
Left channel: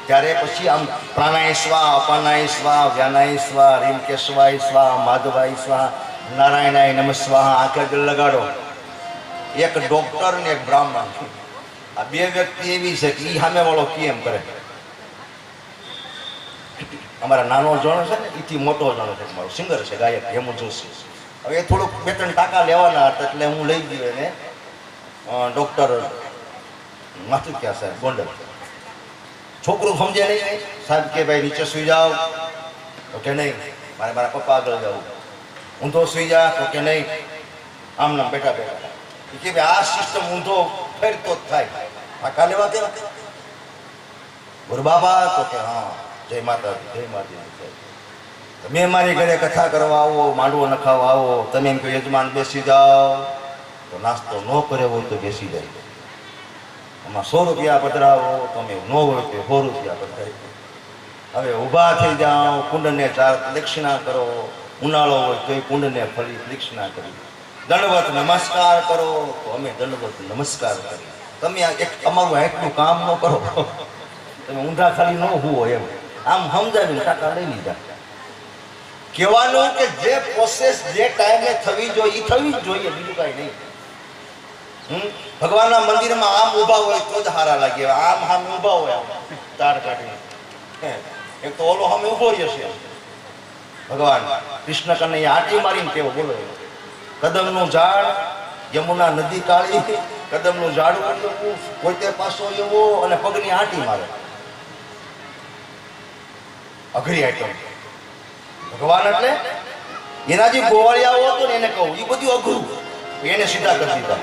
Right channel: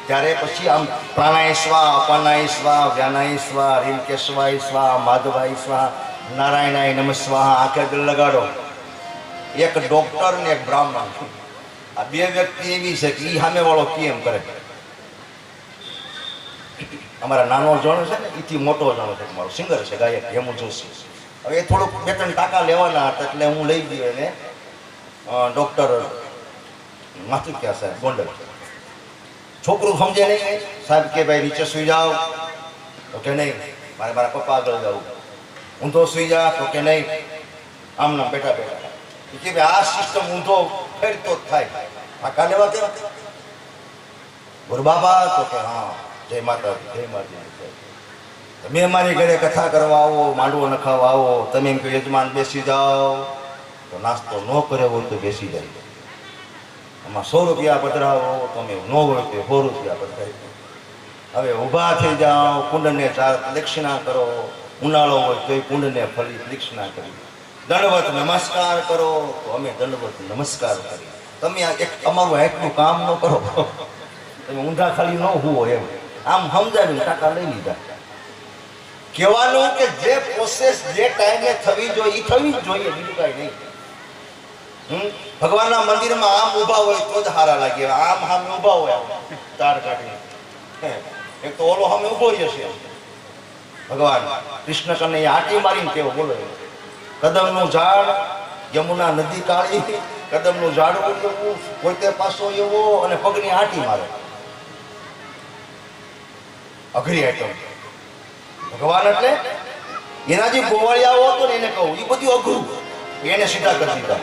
ત્યારે પછી આમ પ્રાણાય સ્વા, અપાનાય સ્વા, વ્યાનાય સ્વા, રીમકેશવાય સ્વા, માધવાય સ્વા, નારાયણાય નમઃ સ્વાહા આંખે દિલ લગાડો। એક ડોક્ટર ને એક બ્રાહ્મણ, આ બે વ્યક્તિ એવી છે કે એ સામે વાળો કેમ કરે। અમારા નાનો જણો છે ને એથી મોટો જણો છે, મારો સિંગર છે, ગાયક હેમુ જોશી। હવે એ થોડુંક 2-3 ટાંકા લેવાના હતા એટલે હું લઈ ગયો એને ડોક્ટર માથું ક્યાં સાહેબ ગોંડલ। છોકરું સમજે નહીં, સાહેબ કે ભાઈ નીચે સુઈ જાઓ તો કે નહીં, મારે મારા પપ્પા આગળ જવું। ઊંધો સુઈ જા તો કે નહીં, આમ નામ બેઠા બેઠા કે ભાઈ આ સિસ્ટમ ઊંધો ફેરતો જ થાય, ટાંકા લેવા કેમ બોલ બાબા તો કે હા જય માતા જય માતા। તમે મારી ઘરે કથા કરવા આવો, માંડવો નખાવા આવો, તમે એમ કે યજમાન બેસી જાઓ તો નાસ્તો ન કરે હોય તો બેસી જાય। આમાં 100 રૂપિયા પધરાવો, તમે ન હોય તો 100 રૂપિયા પધરાવી। હવે ઊભા થઈ જાઓ, કુંડને 4 દક્ષિણા કરો, ઉનાળો હોય તો એ કુંડને ફરી દક્ષિણા કરી, દંડવત નમસ્કાર કરો તો અમે દંડવત નમસ્કાર કરી। તમે એક અમારું એટલું કામ ન કરો, તમે ઊંધા ખાલી ન હુવો એમ આમ સમજાવીને ટાંકા લઈ લીધા। કહેવાનું કે જે પ્રોસેસ જે ટાઈમે થવી જોઈએ એ થવી જ જોઈએ, બીજું કાંઈ નહીં। ભગવાનના મંદિરમાં આમ ઊભા હોય તો જ હારા લાગે, આમ સામે ઊભા હોય તાર કાઢીને, એક તો ઓલો સામે ઊભો રહ્યો છે ભગવાન કૃષ્ણ કને આટી મારીને કેવો બોલો, કદમનું ઝાડ યમુના નદી કાળી, કદમનું ઝાડ પોતે પાછો એવો અને પગની આટી મારે। અઘરી આઈટમ. ભગવાન એટલે એના જે ગોવાળિયાઓ હતો ને એને કહું એ બધું અઘરું, એને સીધા કરી દીધા.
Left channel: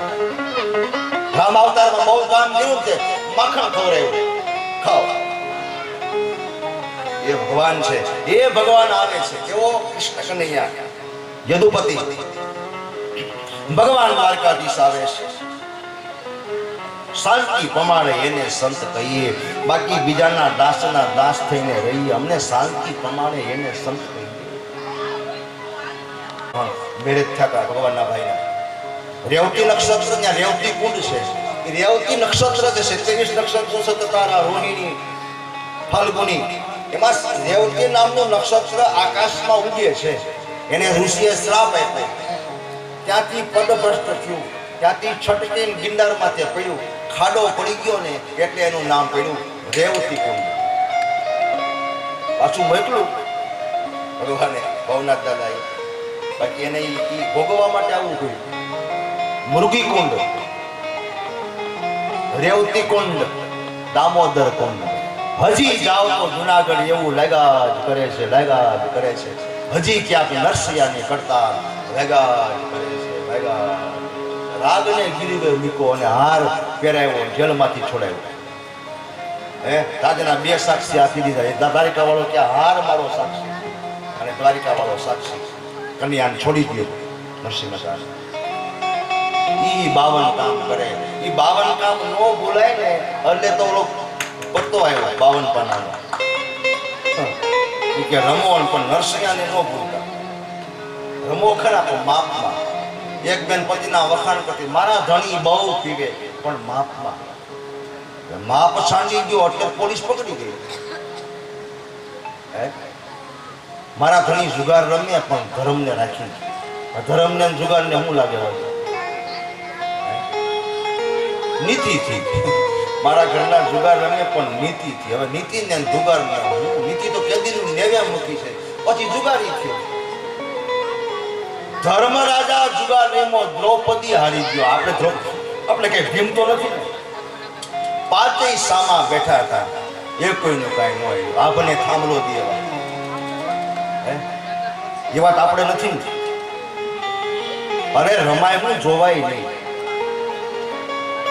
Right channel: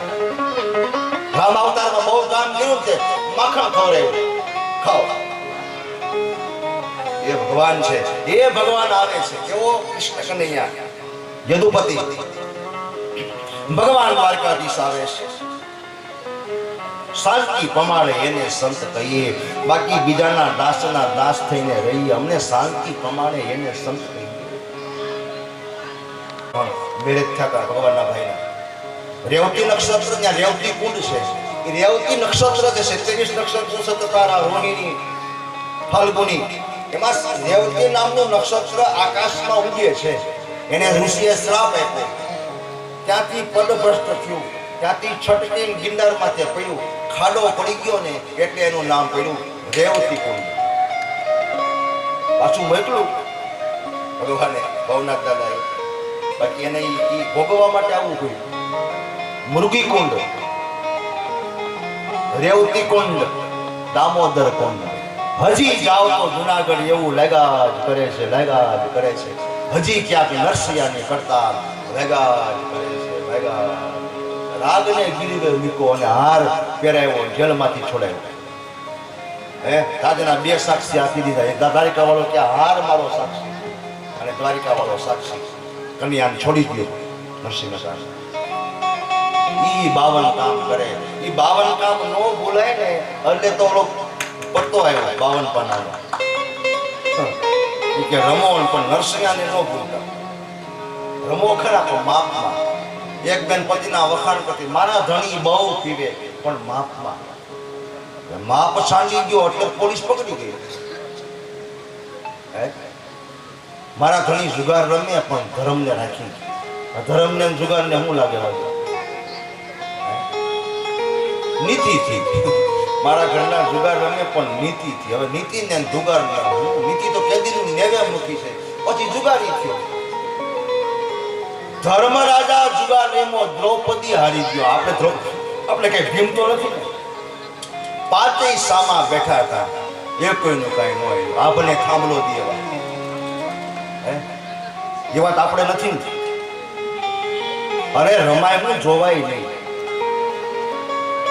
રામ અવતારમાં બહુ કામ કર્યું છે, માખણ ખવડાવ્યું, ખાઓ. એ ભગવાન છે, એ ભગવાન આવે છે. કેવો? કૃષ્ણ કનૈયા યદુપતિ ભગવાન દ્વારકાધીશ આવે છે. શાંતિ પ્રમાણે એને સંત કહીએ, બાકી બીજાના દાસના દાસ થઈને રહીએ. અમને શાંતિ પ્રમાણે એને સંત કહીએ. મેરેજ થયા હતા ભગવાનના ભાઈના. રેવતી નક્ષત્ર, ત્યાં રેવતી કુંડ છે. એ રેવતી નક્ષત્ર છે, 27 નક્ષત્રો છે. તારા રોહિણી, ફાલ્ગુની, એમાં રેવતી નામનું નક્ષત્ર આકાશમાં ઉગે છે. એને ઋષિએ શ્રાપ આપ્યો, ત્યાંથી પદભ્રષ્ટ થયું, ત્યાંથી છટકીને ગિરનારમાં તે પડ્યું, ખાડો પડી ગયો ને એટલે એનું નામ પડ્યું રેવતી કુંડ. પાછું મોકલું ભગવાને ભવનાથ દાદાએ, બાકી એને ભોગવવા માટે આવવું પડ્યું. મૃગી કુંડ, રેવતી કુંડ, દામોદર કુંડ. હજી જાઓ તો જુનાગઢ એવું લાગ્યા જ કરે છે, લાગ્યા જ કરે છે. હજી ક્યાંક નરસિયાની કરતા લાગ્યા જ કરે છે, લાગ્યા. રાગને ગીરીવે મૂકો અને હાર પહેરાવ્યો, જેલમાંથી છોડાયો. રાજના 2 સાક્ષી આપી દીધા. દ્વારિકા વાળો કે હાર મારો સાક્ષી અને દ્વારિકા વાળો સાક્ષી. કન્યાને છોડી દો નરસિંહ મહેતા. ઈ 52 કામ કરે. ઈ 52 કામ નો ભૂલાય ને એટલે તો ઓલો પડતો આવ્યો 52 પાનાનો. કે રમો પણ નરસિંહને નો ભૂલતા. રમો ખરા પણ માપમાં. એક બેન પતિના વખાણ કરતી, મારા ધણી બહુ પીવે પણ માપમાં. માપ સાંડી ગયો એટલે પોલીસ પકડી ગઈ. મારા ધણી જુગાર રમે પણ ધર્મને રાખી. ધર્મને જુગારને શું લાગે? નીતિથી. મારા ઘરના જુગાર રમે પણ નીતિથી. હવે નીતિ ને જુગાર નીતિ તો કેદીનું નેવે મૂકી છે, પછી જુગારી થયો. ધર્મ રાજા જુગાર રેમો, દ્રૌપદી હારી ગયો. આપણે કઈ ભીમ તો નથી ને. 5 સામા બેઠા હતા, એ કોઈનું કઈ ન આવ્યું. આપને થાંભલો દેવા એ વાત આપણે નથી ને. અરે રમાય હું જોવાય નહીં.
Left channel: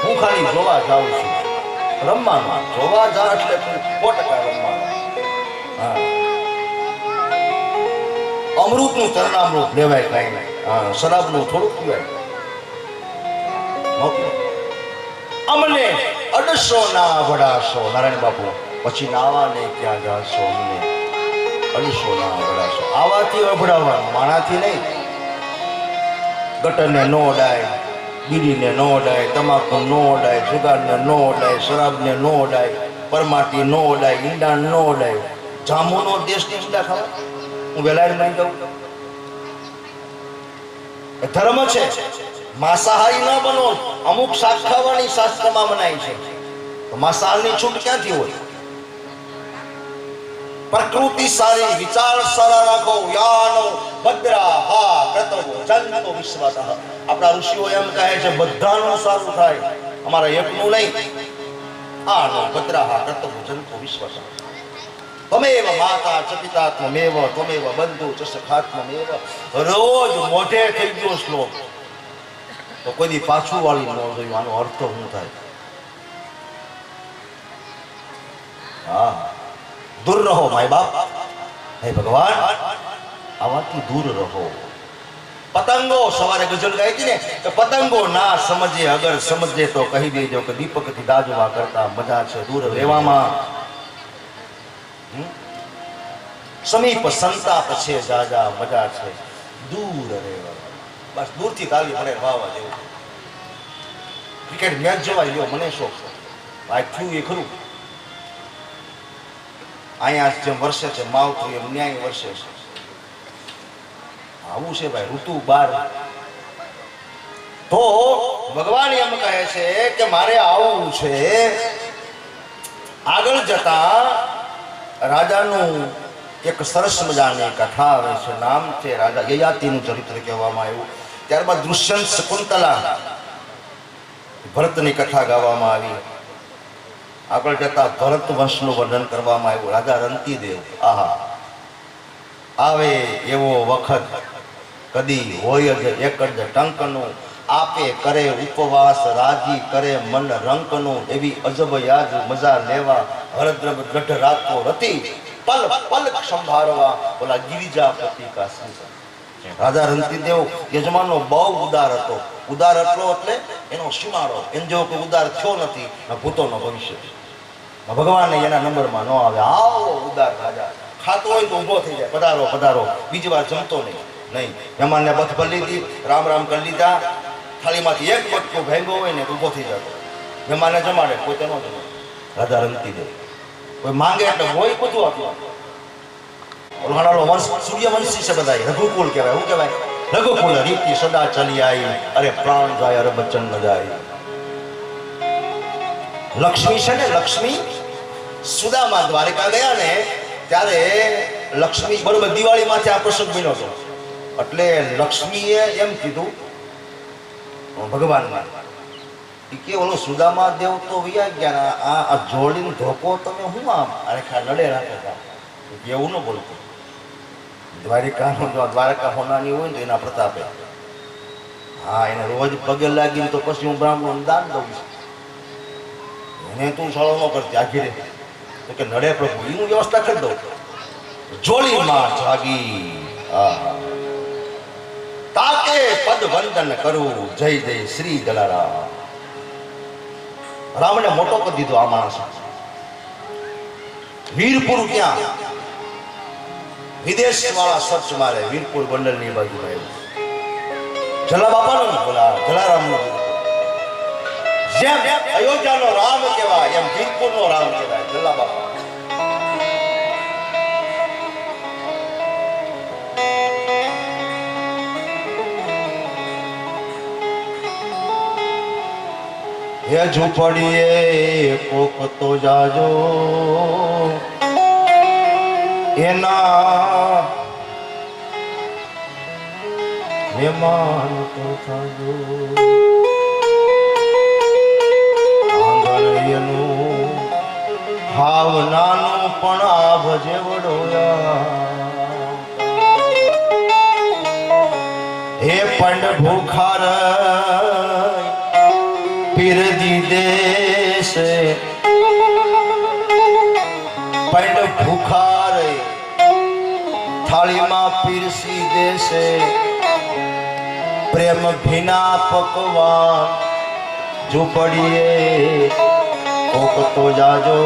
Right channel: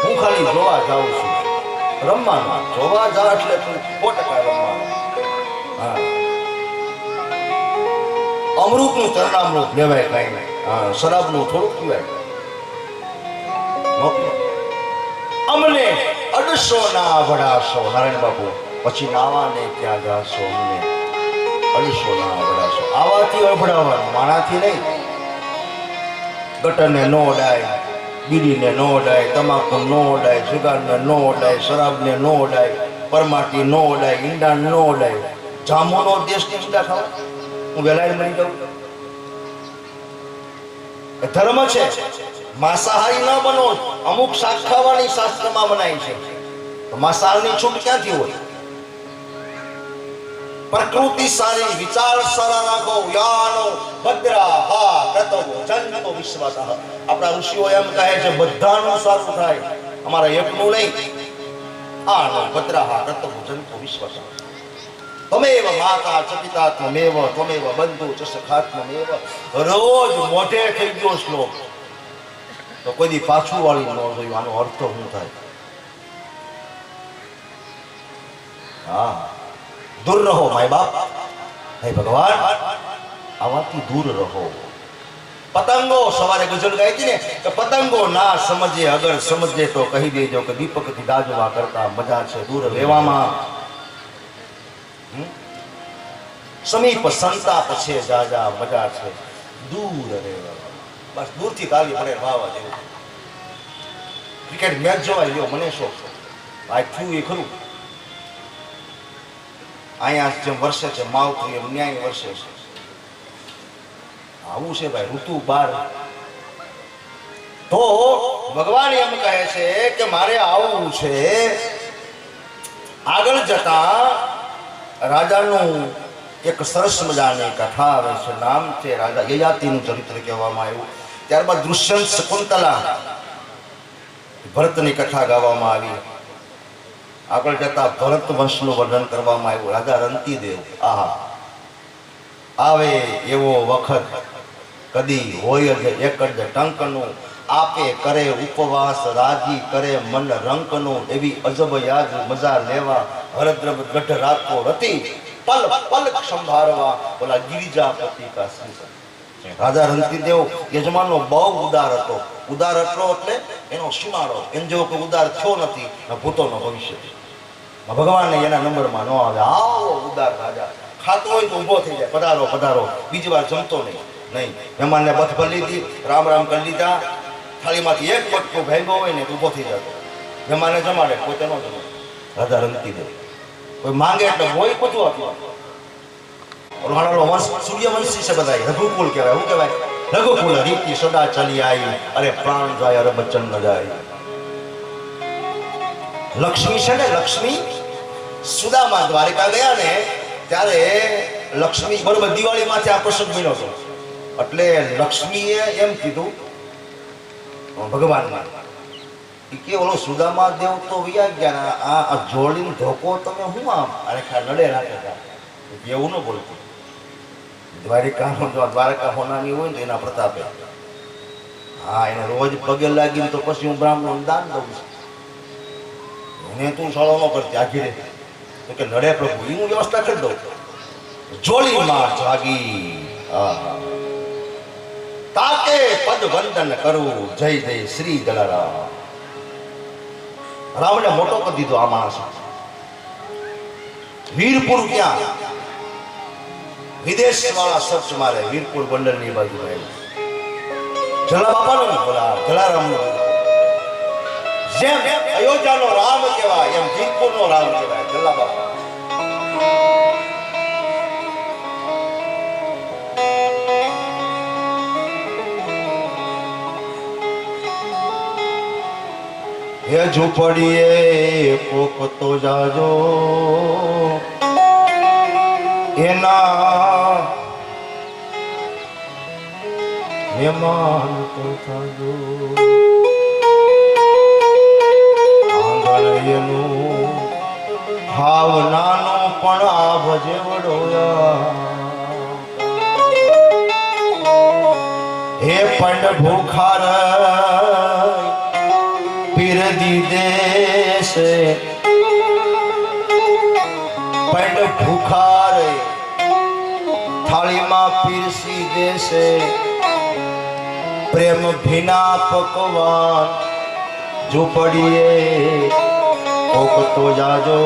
હું ખાલી જોવા જાઉં છું. રમવામાં જોવા જા એટલે 100% રમવાનું. હા, અમૃતનું ચરણામૃત લેવાય કઈ નહીં. હા, શરાબનું થોડુંક પીવાય. અમને અડસો ના વડાસો. નારાયણ બાપુ પછી નાવા ને ક્યાં જાશો? અમને અડસો ના વડાસો. આવાથી અભડાવવાનું, માણાથી નહીં. ગટરને નો અડાય, બીડીને નો અડાય, તમાકુ નો અડાય, જુગારને નો અડાય, શરાબને નો અડાય, પરમાટી નો અડાય, ઈંડા નો અડાય. જામુનો દેશની ઈંડા ખાવા હું વેલાડ મળી જાઉં. ધર્મ છે. માંસાહારી ન બનો. અમુક શાક ખાવાની શાસ્ત્રમાં મનાય છે, તો માંસાહારની છૂટ ક્યાંથી હોય? પ્રકૃતિ સારી, વિચાર સારા રાખો. યાનો ભદ્રા હા કૃતવો જંતો વિશ્વાસઃ. આપણા ઋષિઓ એમ કહે છે બધાનું સારું થાય, અમારા એકનું નહીં. આનો ભદ્રા હા કૃતવો જંતો વિશ્વાસઃ. તમેવ માતા ચ પિતા ત્વમેવ ત્વમેવ બંધુ ચ સખા ત્વમેવ. રોજ મોઢે થઈ ગયો શ્લોક તો કોઈ દી પાછું વાળી ન જોયું. આનો અર્થ શું થાય? હા, દૂર રહો માય બાપ. હે ભગવાન, આવાથી દૂર રહો. પતંગો સવારે ગઝલ ગાઈ હતી ને કે પતંગો ના સમજે, અગર સમજે તો કહી દેજો કે દીપકથી દાજવા કરતા મજા છે દૂર રહેવામાં. સમીપ સંતાપ છે જાજા, મજા છે દૂર રહેવા. બસ દૂરથી તાલી પડે વાવા જેવું. ક્રિકેટ મેચ જોવા લ્યો, મને શોખ છે. આ થયું એ ખરું. અહીંયા જેમ વર્ષે છે માવઠું એમ ન્યાય વર્ષે છે. આવું છે ભાઈ ઋતુ 12. તો ભગવાન એમ કહે છે કે મારે આવું છે. આગળ જતા રાજાનું એક સરસ મજાની કથા આવે છે. નામ છે રાજા યયાતિનું ચરિત્ર કહેવામાં આવ્યું. ત્યારબાદ દુષ્યંત શકુંતલા ભરતની કથા ગાવામાં આવી. આગળ જતા ભરત વંશનું વર્ણન કરવામાં આવ્યું. રાજા રંતીદેવ, આહા આવે એવો વખત કદી હોય જ એક જ ટંકનું, આપે કરે ઉપવાસ રાજી કરે મન રંકનું, એવી અજબ યાદ મજા લેવા હરદ્રવ ગઢ રાતો રતી, પલ પલ સંભાળવા બોલા ગિરિજાપતિ કા સંસદ. રાજા રંતીદેવ યજમાનનો બહુ ઉદાર હતો. ઉદાર હતો એટલે એનો સીમાડો, એમ જેવો કોઈ ઉદાર થયો નથી ન ભૂતોનો ભવિષ્ય. ભગવાનને એના નંબરમાં ન આવે. આવો ઉદાર રાજા, ખાતો હોય તો ઊભો થઈ જાય, પધારો પધારો, બીજી વાર જમતો નહીં. મહેમાનને બથ ભરી લીધી, રામ રામ કરી લીધા, થાળીમાંથી એક બટકો ભાંગ્યો હોય ને તો ઊભો થઈ જતો. મહેમાનને જમાડે, પોતે ન જમાડે. રાજા રંતીદેવ કોઈ માંગે એટલે હોય બધું આપ્યું. વંશ સૂર્યવંશી છે બધા, રઘુકુળ કહેવાય. શું કહેવાય? રઘુકુળ રીતિ સદા ચલી આવી, અરે પ્રાણ જાય અરે બચ્ચન ન જાય. લક્ષ્મી છે ને, લક્ષ્મી સુદામા દ્વારિકા ગયા ને ત્યારે લક્ષ્મી બરોબર દિવાળીમાંથી આ પ્રસંગ બન્યો હતો. એટલે લક્ષ્મીએ એમ કીધું ભગવાનને કે ઓલો સુદામા દેવ તો વૈયા ગયા, આ જોડીને ધોકો તમે હું આમ અરે ખા નડે રાખે તા એવું ન બોલતું. દ્વારિકાનો જો દ્વારકા હોનાની હોય ને તો એના પ્રતાપે હા એને રોજ પગે લાગીને તો પછી હું બ્રાહ્મણ દાન દઉં છું. એને તું સાળો ન કરતી આખી તો કે નડે પ્રભુ એ હું વ્યવસ્થા કરી દઉં. જોડીમાં જાગી તાકે પદ વંદન કરું, જય જય શ્રી દલારામ. રામને મોટો કરી દીધો આ માણસ. વીરપુર ક્યાં? વિદેશ વાળા સર્ચ મારે વીરપુર બંદર ની બાજુ જલા બાપા નો બોલા જલારામ નો. જેમ અયોધ્યા નો રામ કહેવાય એમ વીરપુર નો રામ કહેવાય જલા બાપા. હે ઝૂંપડીએ કોક તો જાજો, એના મહેમાન તો થાજો. આંગણ એનું હાવ નાનું પણ આ ભજે વડોયા. હે પંડ ભૂખાર પીર દીદેશે, પંડ ભૂખાર થાળીમાં પીરસી દેશે, પ્રેમ ભીના પકવાન ઝૂંપડીએ કોક તો જાજો,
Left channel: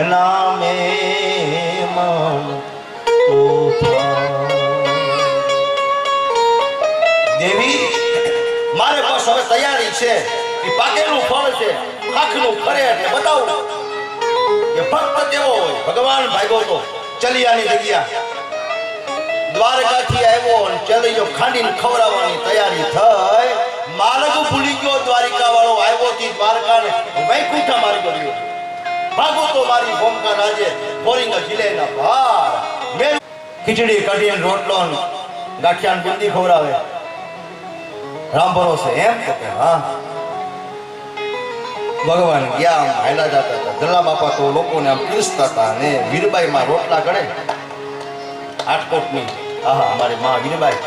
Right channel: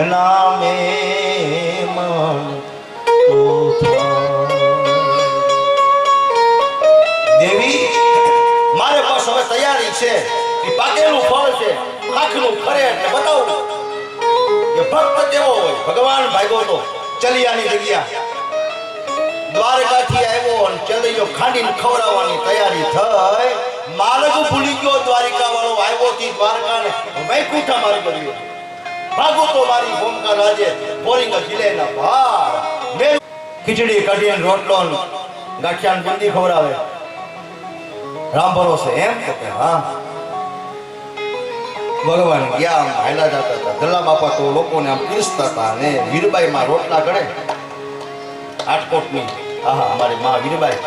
એના મહેમાન તો દેવી મારે બસ હવે તૈયારી છે. એ પાકેલું ફળ છે, આંખનું ખરે એટલે બતાવું કે ભક્ત કેવો હોય. ભગવાન ભાગ્યો તો ચલિયાની જગ્યા દ્વારકાથી આવ્યો અને ચલિયો ખાંડીને ખવડાવવાની તૈયારી થઈ. માર્ગ ભૂલી ગયો દ્વારિકા વાળો, આવ્યો થી દ્વારકા ને વૈકુંઠા માર્ગ ગયો. ભાગો તો મારી ભૂમિકા રાજે બોરિંગ જિલ્લાના ભાર ખીચડી કઢીને રોટલો ગાંઠિયાન બુંદી ખવડાવે. રામ ભરોસે એમ કે હા. ભગવાન ગયા આમ હાયલા જતા હતા. જલ્લા બાપા તો લોકોને આમ પીરસતા હતા અને વીરબાઈ માં રોટલા કરે આટકોટની. આહા અમારી માં વીરબાઈ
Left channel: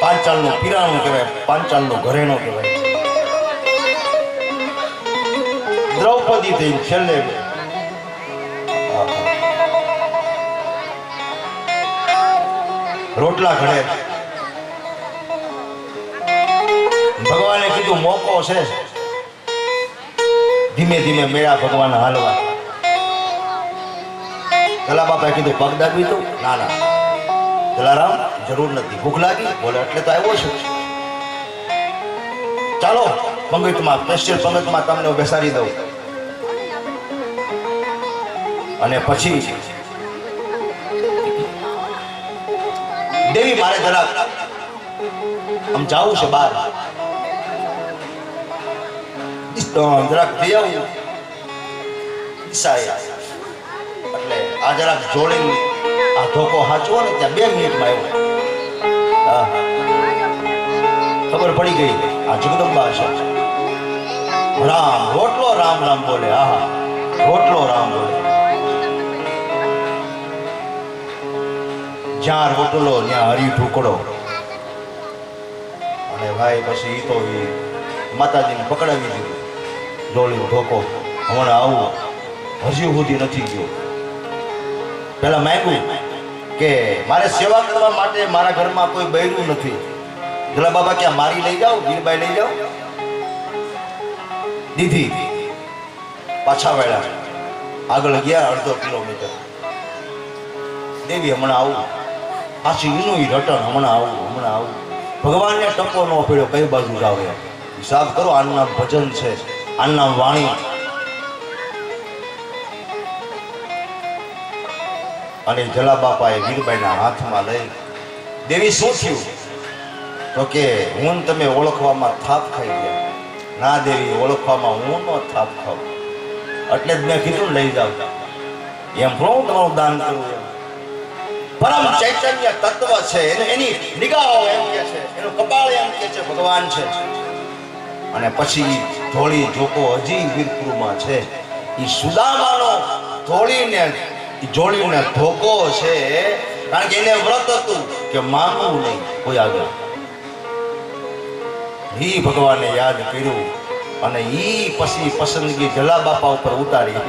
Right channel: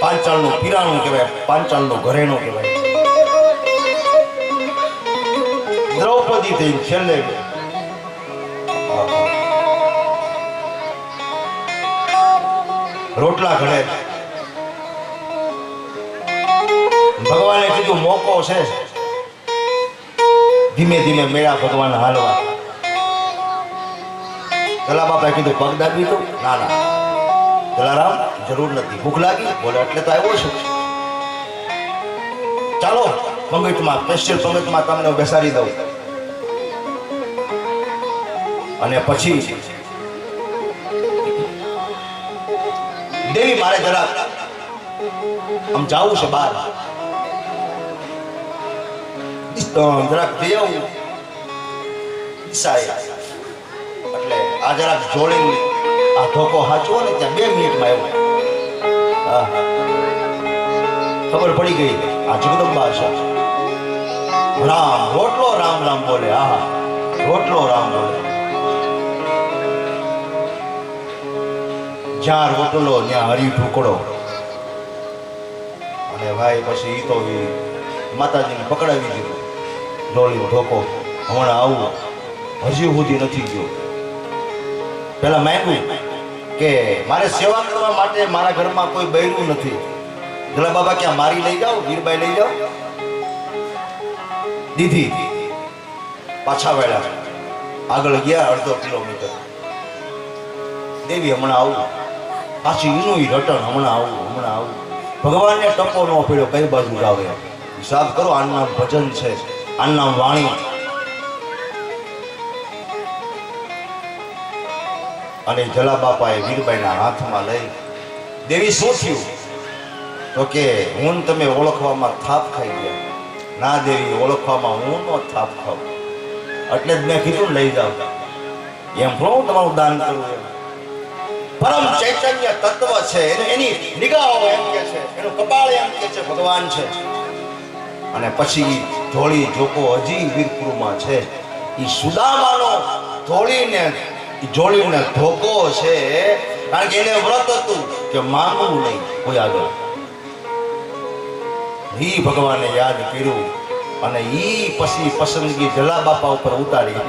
પાંચાળનું પીરાણું કહેવાય, પાંચાળનું ઘરેણું કહેવાય. દ્રૌપદી થઈ છેલ્લે રોટલા ઘડે. ભગવાને કીધું મોકો છે, ધીમે ધીમે મેળા ભગવાન હાલવા. જલા બાપાએ કીધું પગ દાબી તો ના ના જલારામ જરૂર નથી. ભૂખ લાગી બોલે એટલે તો આવ્યો છું. ચાલો પંગતમાં સ્પેશિયલ પંગતમાં તમને બેસાડી દઉં. અને પછી દેવી મારે જરાક આમ જાવું છે બહાર, જરાક જઈ આવું એટલે આ જરાક જોડીને આ ધોકો હાચવો ને ત્યાં 2 મિનિટમાં આવ્યો. હા ખબર પડી ગઈ આ જગદંબા છે. રામ રોટલો રામ રામ બોલે. હા રોટલો રામ બોલે. જ્યાં રોટલો ત્યાં હરી ઢુકડો. અને ભાઈ પછી ઈ તો ઈ માતાજીને પકડાવી દીધું. જોડી ઢોકો હમણાં આવું હજી સુધી નથી ગયો. પેલા માંગ્યું કે મારે સેવા કરવા માટે મારા ઘરમાં કોઈ બૈરું નથી. જલા બાબા ક્યાં મારી લઈ જાઓ, વીરબાઈ લઈ જાઓ. દીધી. પાછા વળ્યા. આગળ ગયા 1/2 કિલોમીટર. દેવી હમણાં આવું. પાછી એનું રટણ હમણાં આવું. ભગવાનને ટપો ન પડ્યો કઈ બાજુ જાવ એમ. હિસાબ કરો, આનું નામ ભજન છે, આનું નામ વાણી. અને જલા બાપાએ વીરબાઈના હાથમાં લઈ, દેવી શું થયું? તો કે હું તમે ઓળખવામાં થાપ ખાઈ ગયા. ના દેવી, ઓળખવામાં હું નો થાપ ખાઉં. એટલે જ મેં કીધું લઈ જાવ. એમ હું તમારું દાન કરું એમ. પરમ ચૈતન્ય તત્વ છે, એની નિગાહો એમ કે છે, એનું કપાળ એમ કે છે ભગવાન છે. અને પછી ધોળી જોકો હજી વીરપુરમાં છે. એ સુદામાનો જોડીને ધોકો છે. કારણ કે એને વ્રત હતું કે માંગવું નહીં કોઈ આગળ. ઈ ભગવાને યાદ કર્યું અને ઈ પછી પસંદગી જલા બાપા ઉપર ઉતારી.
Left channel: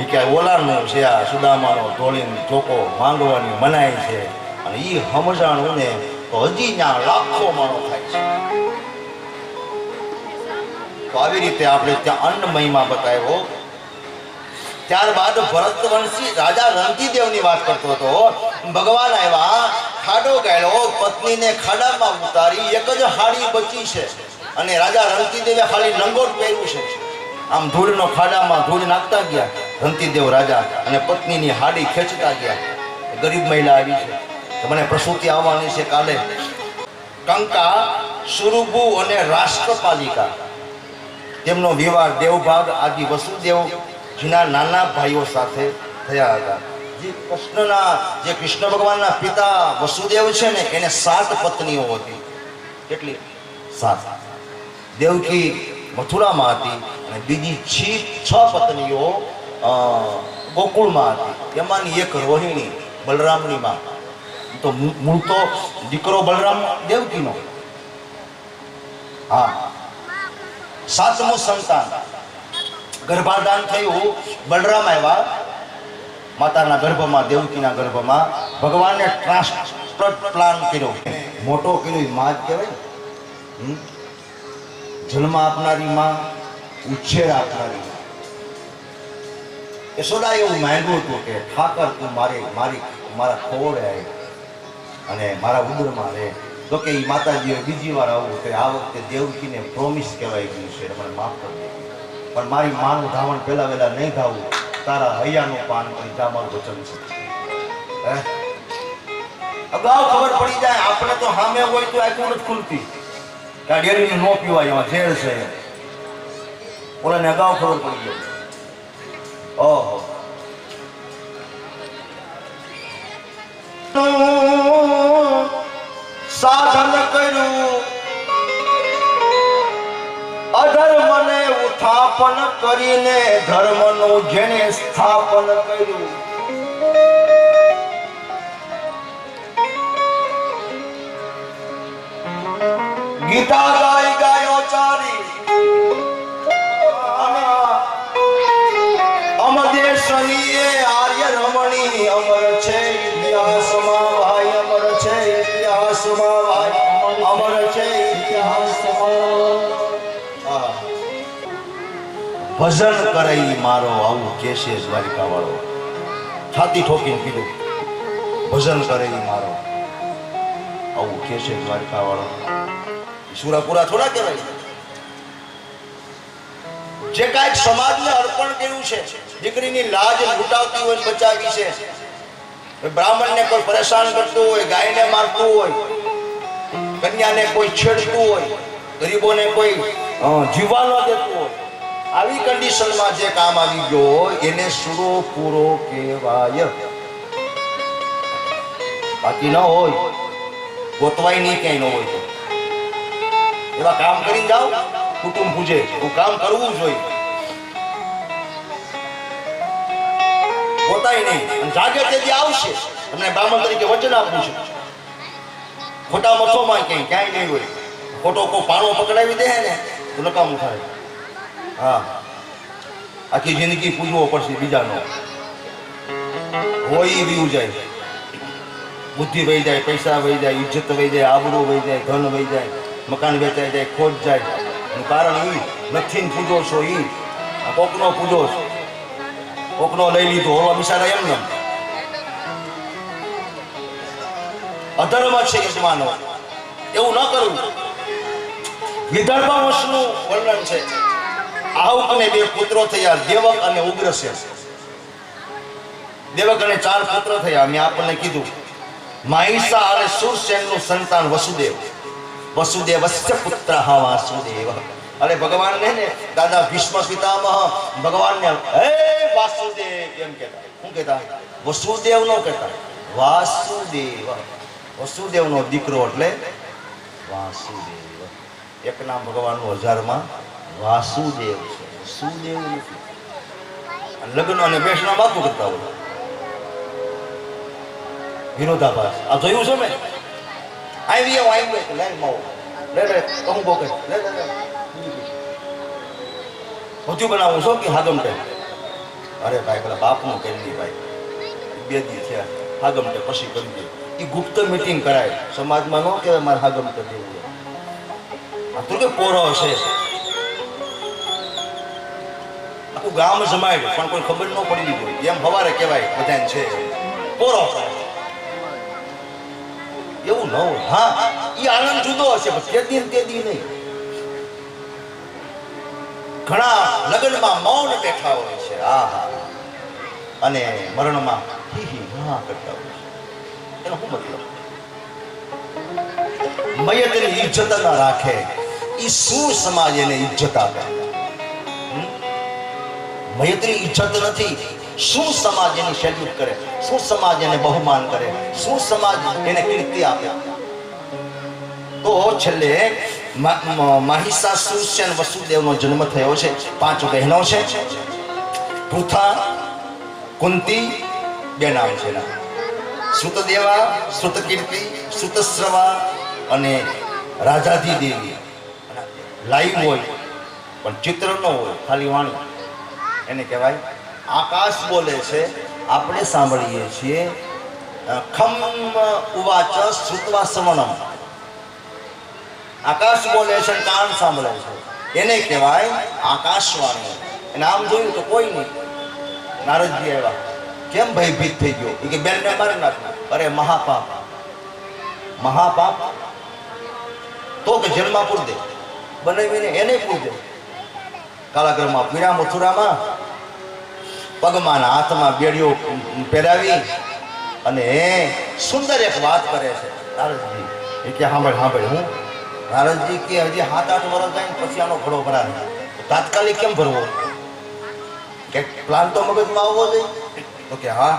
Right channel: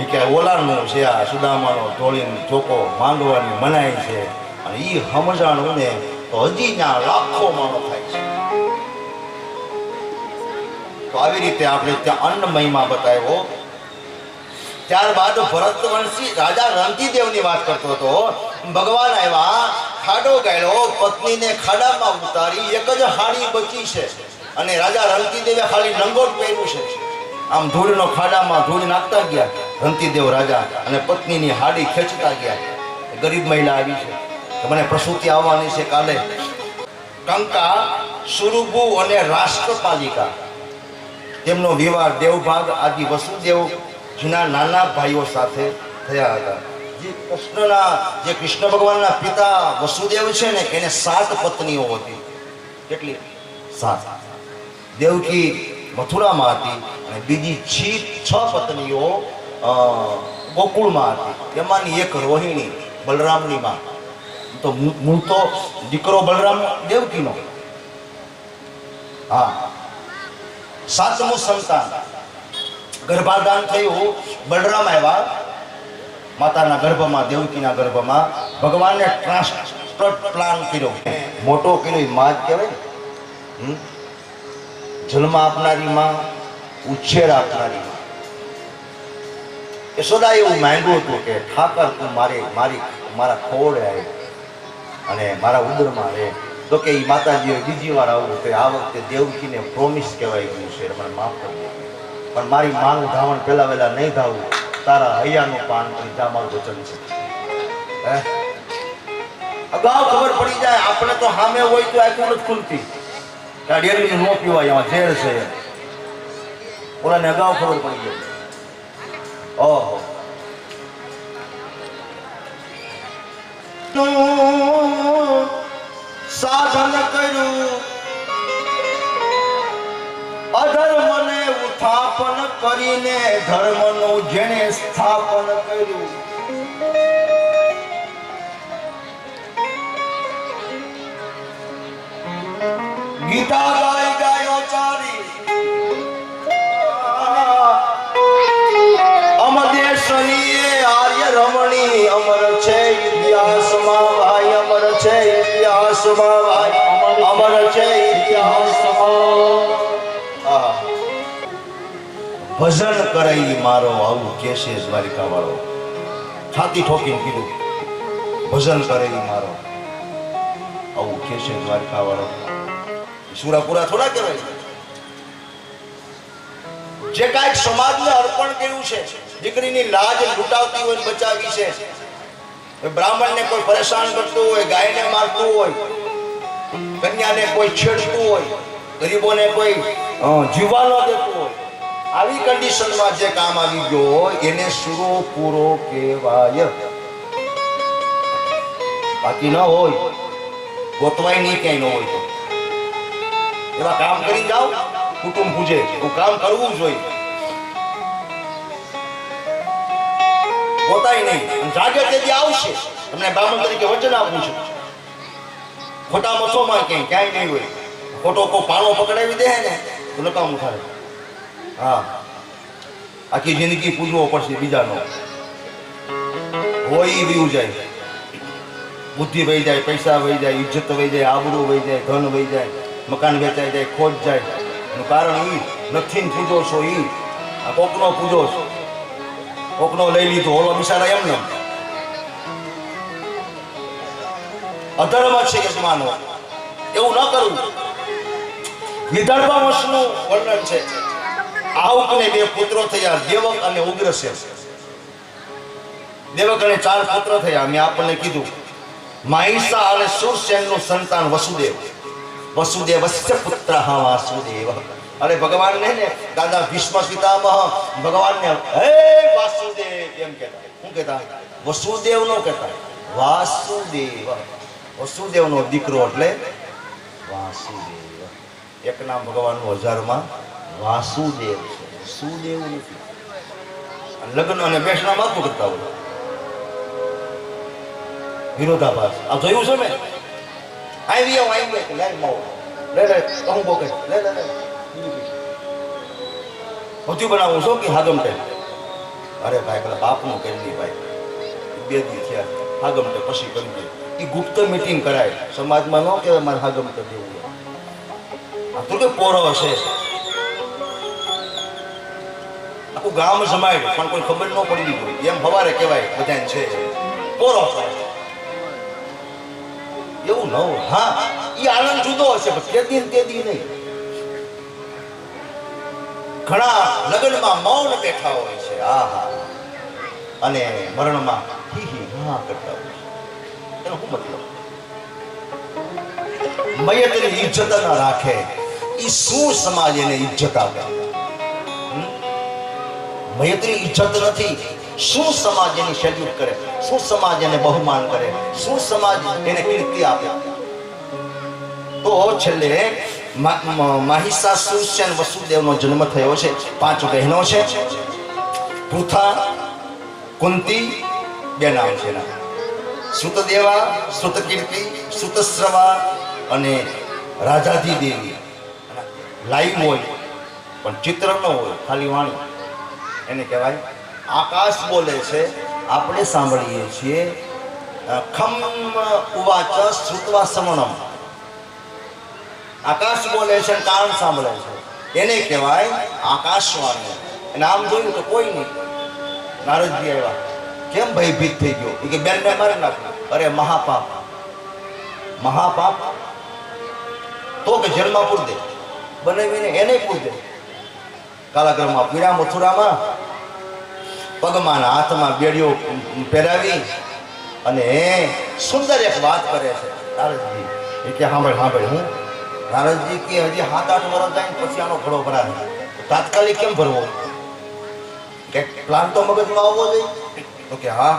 એ કે ઓલાનું છે આ સુદામાનો ધોળીને ચોકો માંગવાની મનાય છે. અને ઈ સમજાણું ને તો હજી ત્યાં લાખો માણો થાય છે. તો આવી રીતે આપણે ત્યાં અન્ન મહિમા બતાવ્યો. ત્યારબાદ ભરતવંશી રાજા રંતીદેવની વાત કરતો હતો. ભગવાન આવ્યા, ખાડો ગાળ્યો, પત્નીને ખાડામાં ઉતારી. એક જ હાડી બચી છે અને રાજા રંતીદેવે ખાલી લંગોટ પહેર્યું છે. આમ ધૂળનો ખાડામાં ધૂળ નાખતા ગયા રંતીદેવ રાજા અને પત્નીની હાડી ખેંચતા ગયા. ગરીબ મહિલા આવી છે કે મને પ્રસૂતિ આવવાની છે કાલે. કંકા, સુરુભુ અને રાષ્ટ્રપાલિકા તેમનો વિવાહ દેવભાગ આદિ વસુદેવજીના નાના ભાઈઓ સાથે થયા હતા. જે કૃષ્ણ ભગવાનના પિતા વસુદેવ છે ને, એને 7 પત્નીઓ હતી. કેટલી? 7. દેવકી મથુરામાં હતી અને બીજી 6 પત્નીઓ ગોકુળમાં હતી. એમાંની એક રોહિણી, બલરામની માં. તો મૂળ તો દીકરો બલરામ દેવકીનો. હા, 7મું સંતાન ગર્ભાધાન થયું. બલરામ આવ્યા માતાના ગર્ભમાં, દેવકીના ગર્ભમાં. ભગવાનને ટ્રાન્સપ્લાન્ટ પ્લાન કર્યો, મોટો કર્યો. માં જ કહેવાય. જન્મ આપનારી માં, ઉછેર આપનારી માં. યશોદા એવું માંગ્યું હતું કે ઠાકર તું મારા ખોળે આવી અને મારા ઉદરમાં રહે. તો કે એ માતાજીએ બીજી વાર આવું કે આ વખતે દેવકીને પ્રોમિસ કહેવાય ગયું છે, મને માફ કરી દે. પણ મારી માનું ધાવણ પહેલા વહેલા નહીં ધાવું. તારા હૈયાનું પાન કરી જા, મારું વચન છે. અગાઉ ખબર પડી જાય આપણે તો સામે હોય તો આખું નથી ખુલતી. આ ડેરીનું નો પીવાય, એમાં ઝેર છે. ઓલાને અગાઉ ખબર પડી ગઈ. ઓહો, સાધન કર્યું, અધર્મને ઉત્થાપન કરીને ધર્મનું જેને સ્થાપન કર્યું. ગીતા ગાયો ચારી અમદેશની આર્ય રમણી અમર છે ઇતિહાસમાં ભાઈ, અમર છે ઇતિહાસમાં ભાઈ, અમર છે ઇતિહાસમાં. ભજન કરાઈ મારો આવું કેશે દ્વારિકા વાળો. છાતી ઠોકીને કીધું ભજન કરાઈ મારો આવું કેશે દ્વારિકા વાળો. સુરાપુરા થોડા કહેવાય. જે કાંઈક સમાજને અર્પણ કર્યું છે, દીકરીની લાજ લૂંટાવતી હોય બચાવી છે. બ્રાહ્મણને કોઈ પરેશાન કરતું હોય, ગાયને મારતું હોય, કન્યાને કોઈ છેડતું હોય, ગરીબોને કોઈ જીવવા ન દેતું હોય, આવી કન્ડિશનમાં જે કામ આવી ગયો હોય એને સુરો પૂરો કહેવાય. બાકી ન હોય ગોતવાય નહીં, ક્યાંય ન હોય તો એવા કામ કરી જાઓ. કુટુંબ પૂજે એવું કામ કરવું જોઈએ. પોતાય નહીં અને જાગે તેથી આવશે. તમને બ્રાહ્મણ તરીકે વચન આપું છું. ખોટા મથોમાં ક્યાંય નહીં હોય. ખોટો કોઈ પાણો પકડાવી દે ને તો નકામું થાય. હા, આખી જિંદગી પૂજવો પડશે બીજાનો. હોય એ વીવું જાય, બુદ્ધિ વહી જાય, પૈસા વહી જાય, ઇજ્જત વહી જાય, આબરૂ વહી જાય, ધન વહી જાય, મકાન વેચાઈ જાય, ખોટ જાય. એનું કારણ ઈ નથી ને પૂજો છો. ઈ કોકનો પૂજો છો, કોકનો લઈ લીધો, ઓલો બિચારા એમને અધર્મ છે કે માનો એવું ન કરવું. વિદર્ભ વંશનું વર્ણન છે. આહુકને 2 પુત્રો થયા, દેવક અને ઉગ્રસેન. દેવક અને 4 પુત્ર થયા. મેં આપણને કીધું મહિષા અને સુરસેનનું સંતાન વસુદેવ. વસુદેવસ્ય પુત્ર વાસુદેવ. અરે ભગવાનને ને દાદા ભીષ્મ પિતામહ ભગવાનને હે વાસુદેવ એમ કહેતા. શું કહેતા? વસુદેવ નો કહેતા, વાસુદેવ. વસુદેવનો દીકરો એટલે વાસુદેવ. એક નામ ભગવાનનું 1000માં વાસુદેવ છે, સુદેવ નથી. લગ્ન અને બેસણા વાતો કરતા હોય, વિરોધાભાસ. આ જોયું છે ને? આવી લે માવો લે કહું બોકે લે બધું બનાવું છો કે હાગમટે. અરે ભાઈ પેલા બાપનું કરી દી ભાઈ, 2 દી થયા હાગમટે પછી કરી દે. એ ગુપ્ત મીટિંગ કરાય સમાજમાં. ન કહેવાય મારે હાગમટે દેવું. આ તો કે પોરો હશે, આખું ગામ જમાય પણ કોઈ ખબર ન પડી હોય એમ સવારે કહેવાય બધાને છે પોરો. એવું ન હોય. હા, એ આનંદ જુદો હશે પણ તે દી નહીં. ઘણા લગ્નમાં મૌન બેઠા હોય છે, હા, અને મરણમાં હી હી હા કરતા હોય છે. એનો શું મતલબ? મયતની ઇજ્જત ના રાખે એ શું સમાજ એને ઇજ્જત આપે? મયતની ઇજ્જત નથી, શું સમાજ એની સેલ્યુટ કરે? શું સમાજ એને બહુમાન કરે? શું સમાજ એને કીર્તિ આપે? તો છેલ્લે મહિષાસુર વસુદેવનો જન્મ થયો છે. 5 બહેનો છે, પૃથા, કુંતી, 2 નામ છે એના, સુતદેવા, સુતકીર્તિ, સુતસ્રવા અને રાજાધી દેવી. લાઈવ હોય પણ ચિત્ર ન હોય, ખાલી વાણી, એને કહેવાય. આકાશ બોલે છે, આપણે સાંભળીએ છીએ. ખમ ઉવાચ શ્રુત્વા શ્રવણમ. આકાશ બોલે છે, કાન સાંભળે છે, એને કહેવાય આકાશવાણી. એને આમ જોયું તો કોઈ નહીં. નારદજી આવ્યા, કેમ ભયભીત થઈ ગયો? એ કે બેનને મારી નાખ્યું. અરે મહાપાપ, મહાપાપ તો કે જેલમાં પૂર દે, બનાવીને એને પૂર દે. કાલાગરમાં પીડા મથુરામાં પગમાં હાથમાં બેડીઓ પહેરાવી અને સુંદર એક વાત કરે છે નારદજી. એ કે સાંભળ હું નારદજી કે હજી 7-8 વર્ષ જાય ને પછી આનો ઘડો ભરાય. તાત્કાલિક કેમ ભરવો? કે પ્લાન તો મગજમાં આવવો જોઈએ. તો કે હા,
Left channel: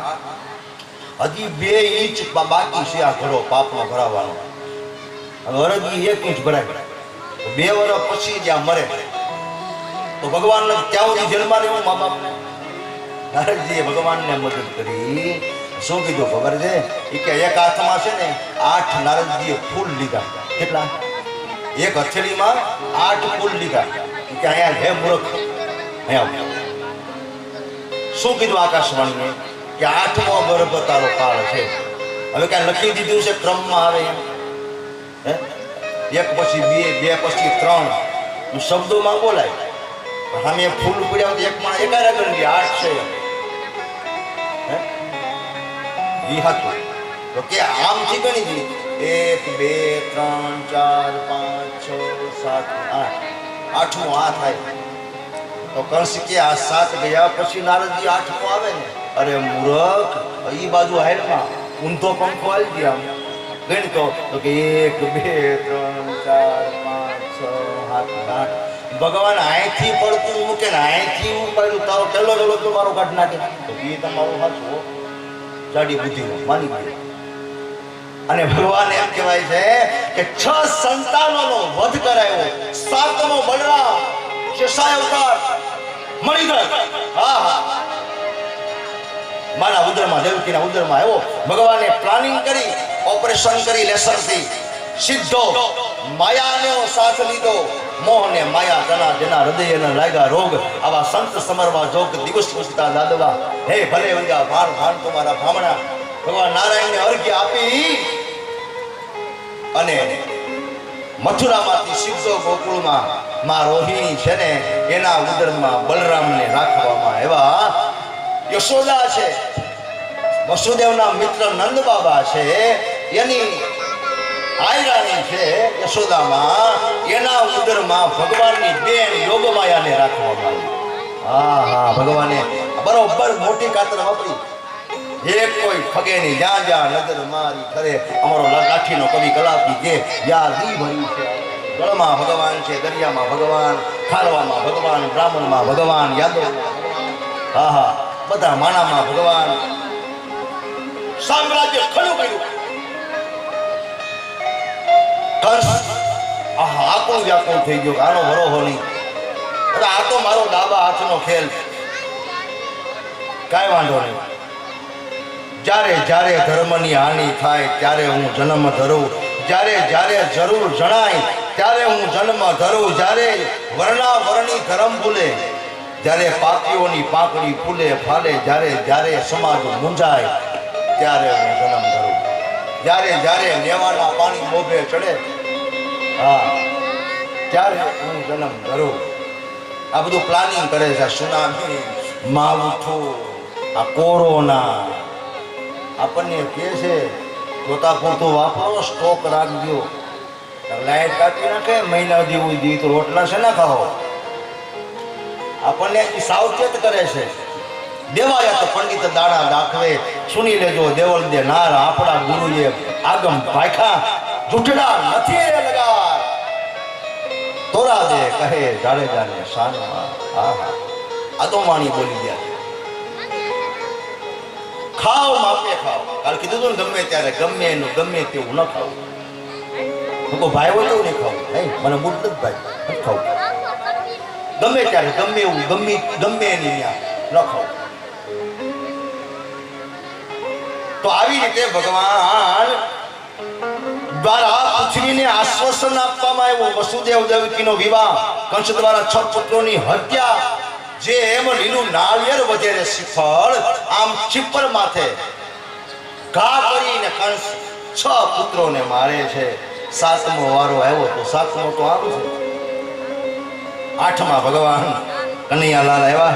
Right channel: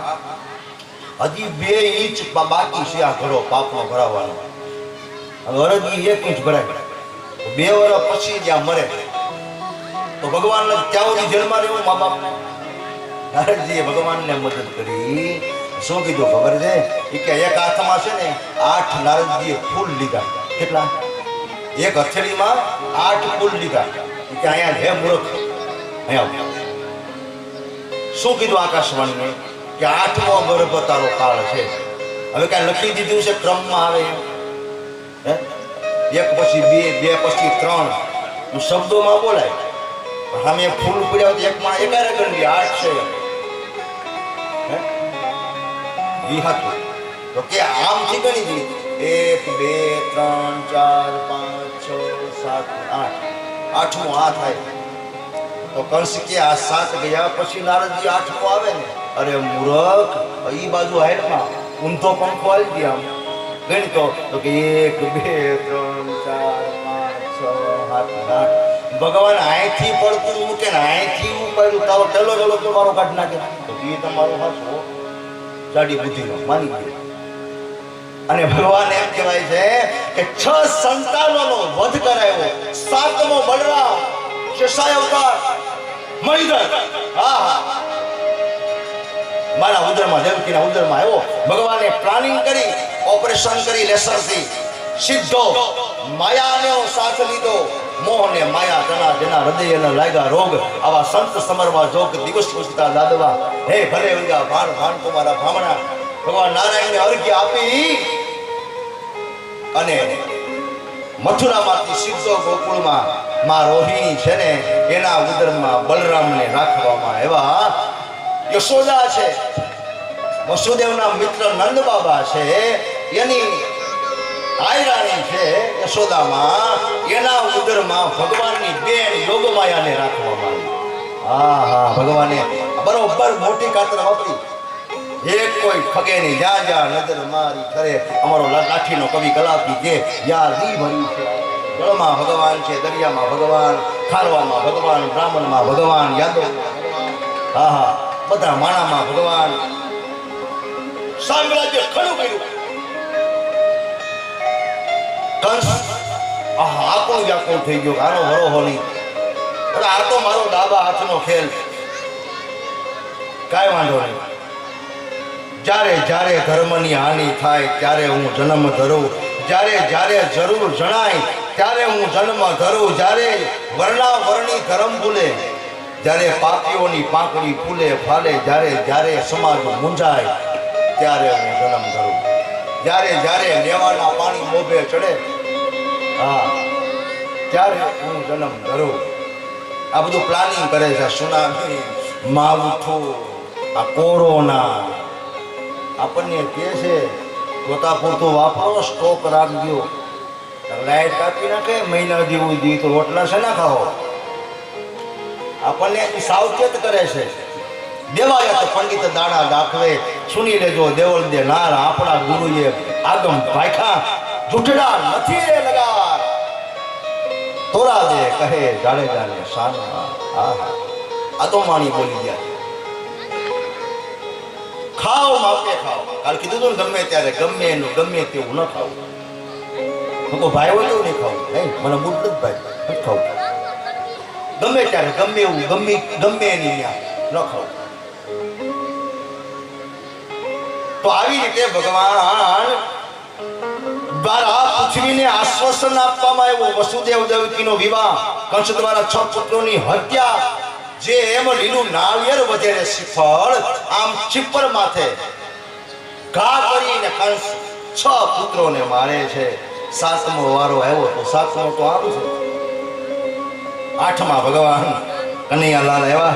હજી 2 ઇંચ બાકી છે આ ઘડો પાપનો ભરાવાનો. હવે અરજી 1 ઇંચ ભરાય, 2 વર્ષ પછી જ્યાં મરે તો ભગવાન ત્યાં સુધી જેલમાં રહેવું મા બાપને. નારદજીએ ભગવાનને મદદ કરી. શું કીધું ખબર છે? એ કે એક હાથમાં છે ને 8 નારદજીએ ફૂલ લીધા. કેટલા? એક હથેળીમાં 8 ફૂલ લીધા. કે અહીંયા હે મૂર્ખ, અહીંયા શું કીધું આકાશવાણીને? કે 8મો ગર્ભ તારો કાળ છે. હવે કાંઈ લખી દીધું છે ક્રમમાં આવે એમ? હે, 1 પછી 2, 2 પછી 3 શબ્દોમાં બોલાય. સામે ફૂલ પડ્યા હોય તો એકમાં એકારે ગણી 8 છે. ઈ હતું તો કે આમથી ગણી દી 1 2 3 4 5 6 7 8 8મો આ થાય. તો કંસ કે આ 7 ગયા પછી નારદજી 8મો આવે ને. અરે મૂર્ખ, ઈ બાજુ હાઈટમાં ઊંધો પંખો આવી ગયા ગણી તો કે 1 2 3 4 5 6 7 8. ભગવાન અહીંથી પડતું મૂકે ને અહીંથી ઉપાડ્યું તારો પેલો તો મારો કાઢ નાખે. તો એ તમારો હાથો જાડી બુદ્ધિનો માની ગયો. અને ભગવાન એમ કહેવાય છે કે 6 સંતાનોનો વધ કરાયો. 7મો બલરામ શેષાય અવતાર મણિધર. હા, મારા ઉદરમાં દેવકીના ઉદરમાં આવ્યો. ભગવાને પ્લાનિંગ કરી, ઓપરેશન કરી લેસરથી સીધો માયાનો સાથ લીધો. મોહને માયા તના જેના હૃદયને લાગ્યા રોગ, આવા સંત સમરવા જોગ દિવસ પૂછતા દાદવા. હે ભલે વંગા ભાણ ભાણ કુમારા ભામણા. ભગવાન નારાયણને અર્ઘ્ય આપી અને મથુરામાંથી સીધો ગોકુળમાં માં રોહિણી છે ને એના ઉદરમાં બલરામને રાખવામાં આવ્યા. યશોદા છે, વસુદેવના મિત્ર નંદ બાબા છે, એની આયરાણી છે યશોદામાં, એના ઉદરમાં ભગવાનની બેન યોગમાયાને રાખવામાં આવી. હા હા, ભગવાને બરોબર મોટી કાતર વાપરી. એક કોઈ ખગે નહીં, જ્યાં જ્યાં નજર મારી ખરે. અમારો લાઠીનો કવિ કલાપી કે યાર દી ભરી છે. જળમાં ભગવાન છે, દરિયામાં ભગવાન, ખારવામાં ભગવાન, બ્રાહ્મણમાં ભગવાન, યાદવમાં ભગવાન. હા હા, બધા માણામાં ભગવાન. સામ્રાજ્ય ખડું કર્યું. કંસ આપણું વ્યાકુળ થઈ ગયો, આનો ભરોહો નહીં. આ તો મારો ડાબા હાથનો ખેલ. કાંઈ વાંધો નહીં. જ્યારે જ્યારે ધર્મની હાનિ થાય ત્યારે હું જન્મ ધરું, જ્યારે જ્યારે જરૂર જણાય ત્યારે હું જન્મ ધરું, જ્યારે વર્ણા વર્ણી ધર્મ ભૂલે, જ્યારે પાપીઓની પાંખડી ફૂલે ફાલે, જ્યારે જ્યારે સમાજ મૂંઝાય ત્યારે હું જન્મ ધરું, જ્યારે જ્યારે લેવાના પાણી મોભે ચડે, હા ત્યારે હું જન્મ ધરું. આ બધું પ્લાનિંગ કરે છે. સુનામી, માવઠું, આ કોરોના આપણને કહે છે જોતા પૂરતું વાપરો, સ્ટોક રાખજો. લાઈટ કાપી નાખે મહિના જેવું દી તો રોટલા છે ના ખાઓ. આપણને સાવચેત કરે છે. દેવાયા તો પંડિત દાણા દાખવે, સુની લેજો દેવલ દે નાર. આપણા ગુરુએ આગમ ભાખા, જૂઠડા નથી રે લગાર. તોરા દે કહે જાડેજાને શાનમાં. હા હા, આ તો માણી બોલી ગયા. ખાઓ માપે ખાઓ. કાલ કીધું તું ને ગમે ત્યારે ગમે એનું ગમે તેવું ન ખાવું. હું ભાઈ હોય તો નહીં ખાવું. નહીં, મને મૂળ નથી ભાઈ, નથી ખાવું. ગમે ત્યારે ગમે એવું ગમે એની ત્યાં ન ખાવું. તો આવી રીતે ભગવાન દ્વારા પૃથ્વીને આશ્વાસન આપવામાં આવ્યું. વસુદેવ દેવકીનો વિવાહ, કંસ દ્વારા 6 પુત્રોની હત્યા. જે એમ લીલું નાળિયેર વધેરે શ્રીફળ આમ ચીપર માથે ઘા કરીને કંસ 6 પુત્રોને મારે છે. 7મો વારો આવ્યો તો 7મો તો આવું છે. 8માં ભગવાન કનૈયાલાલ આવ્યા.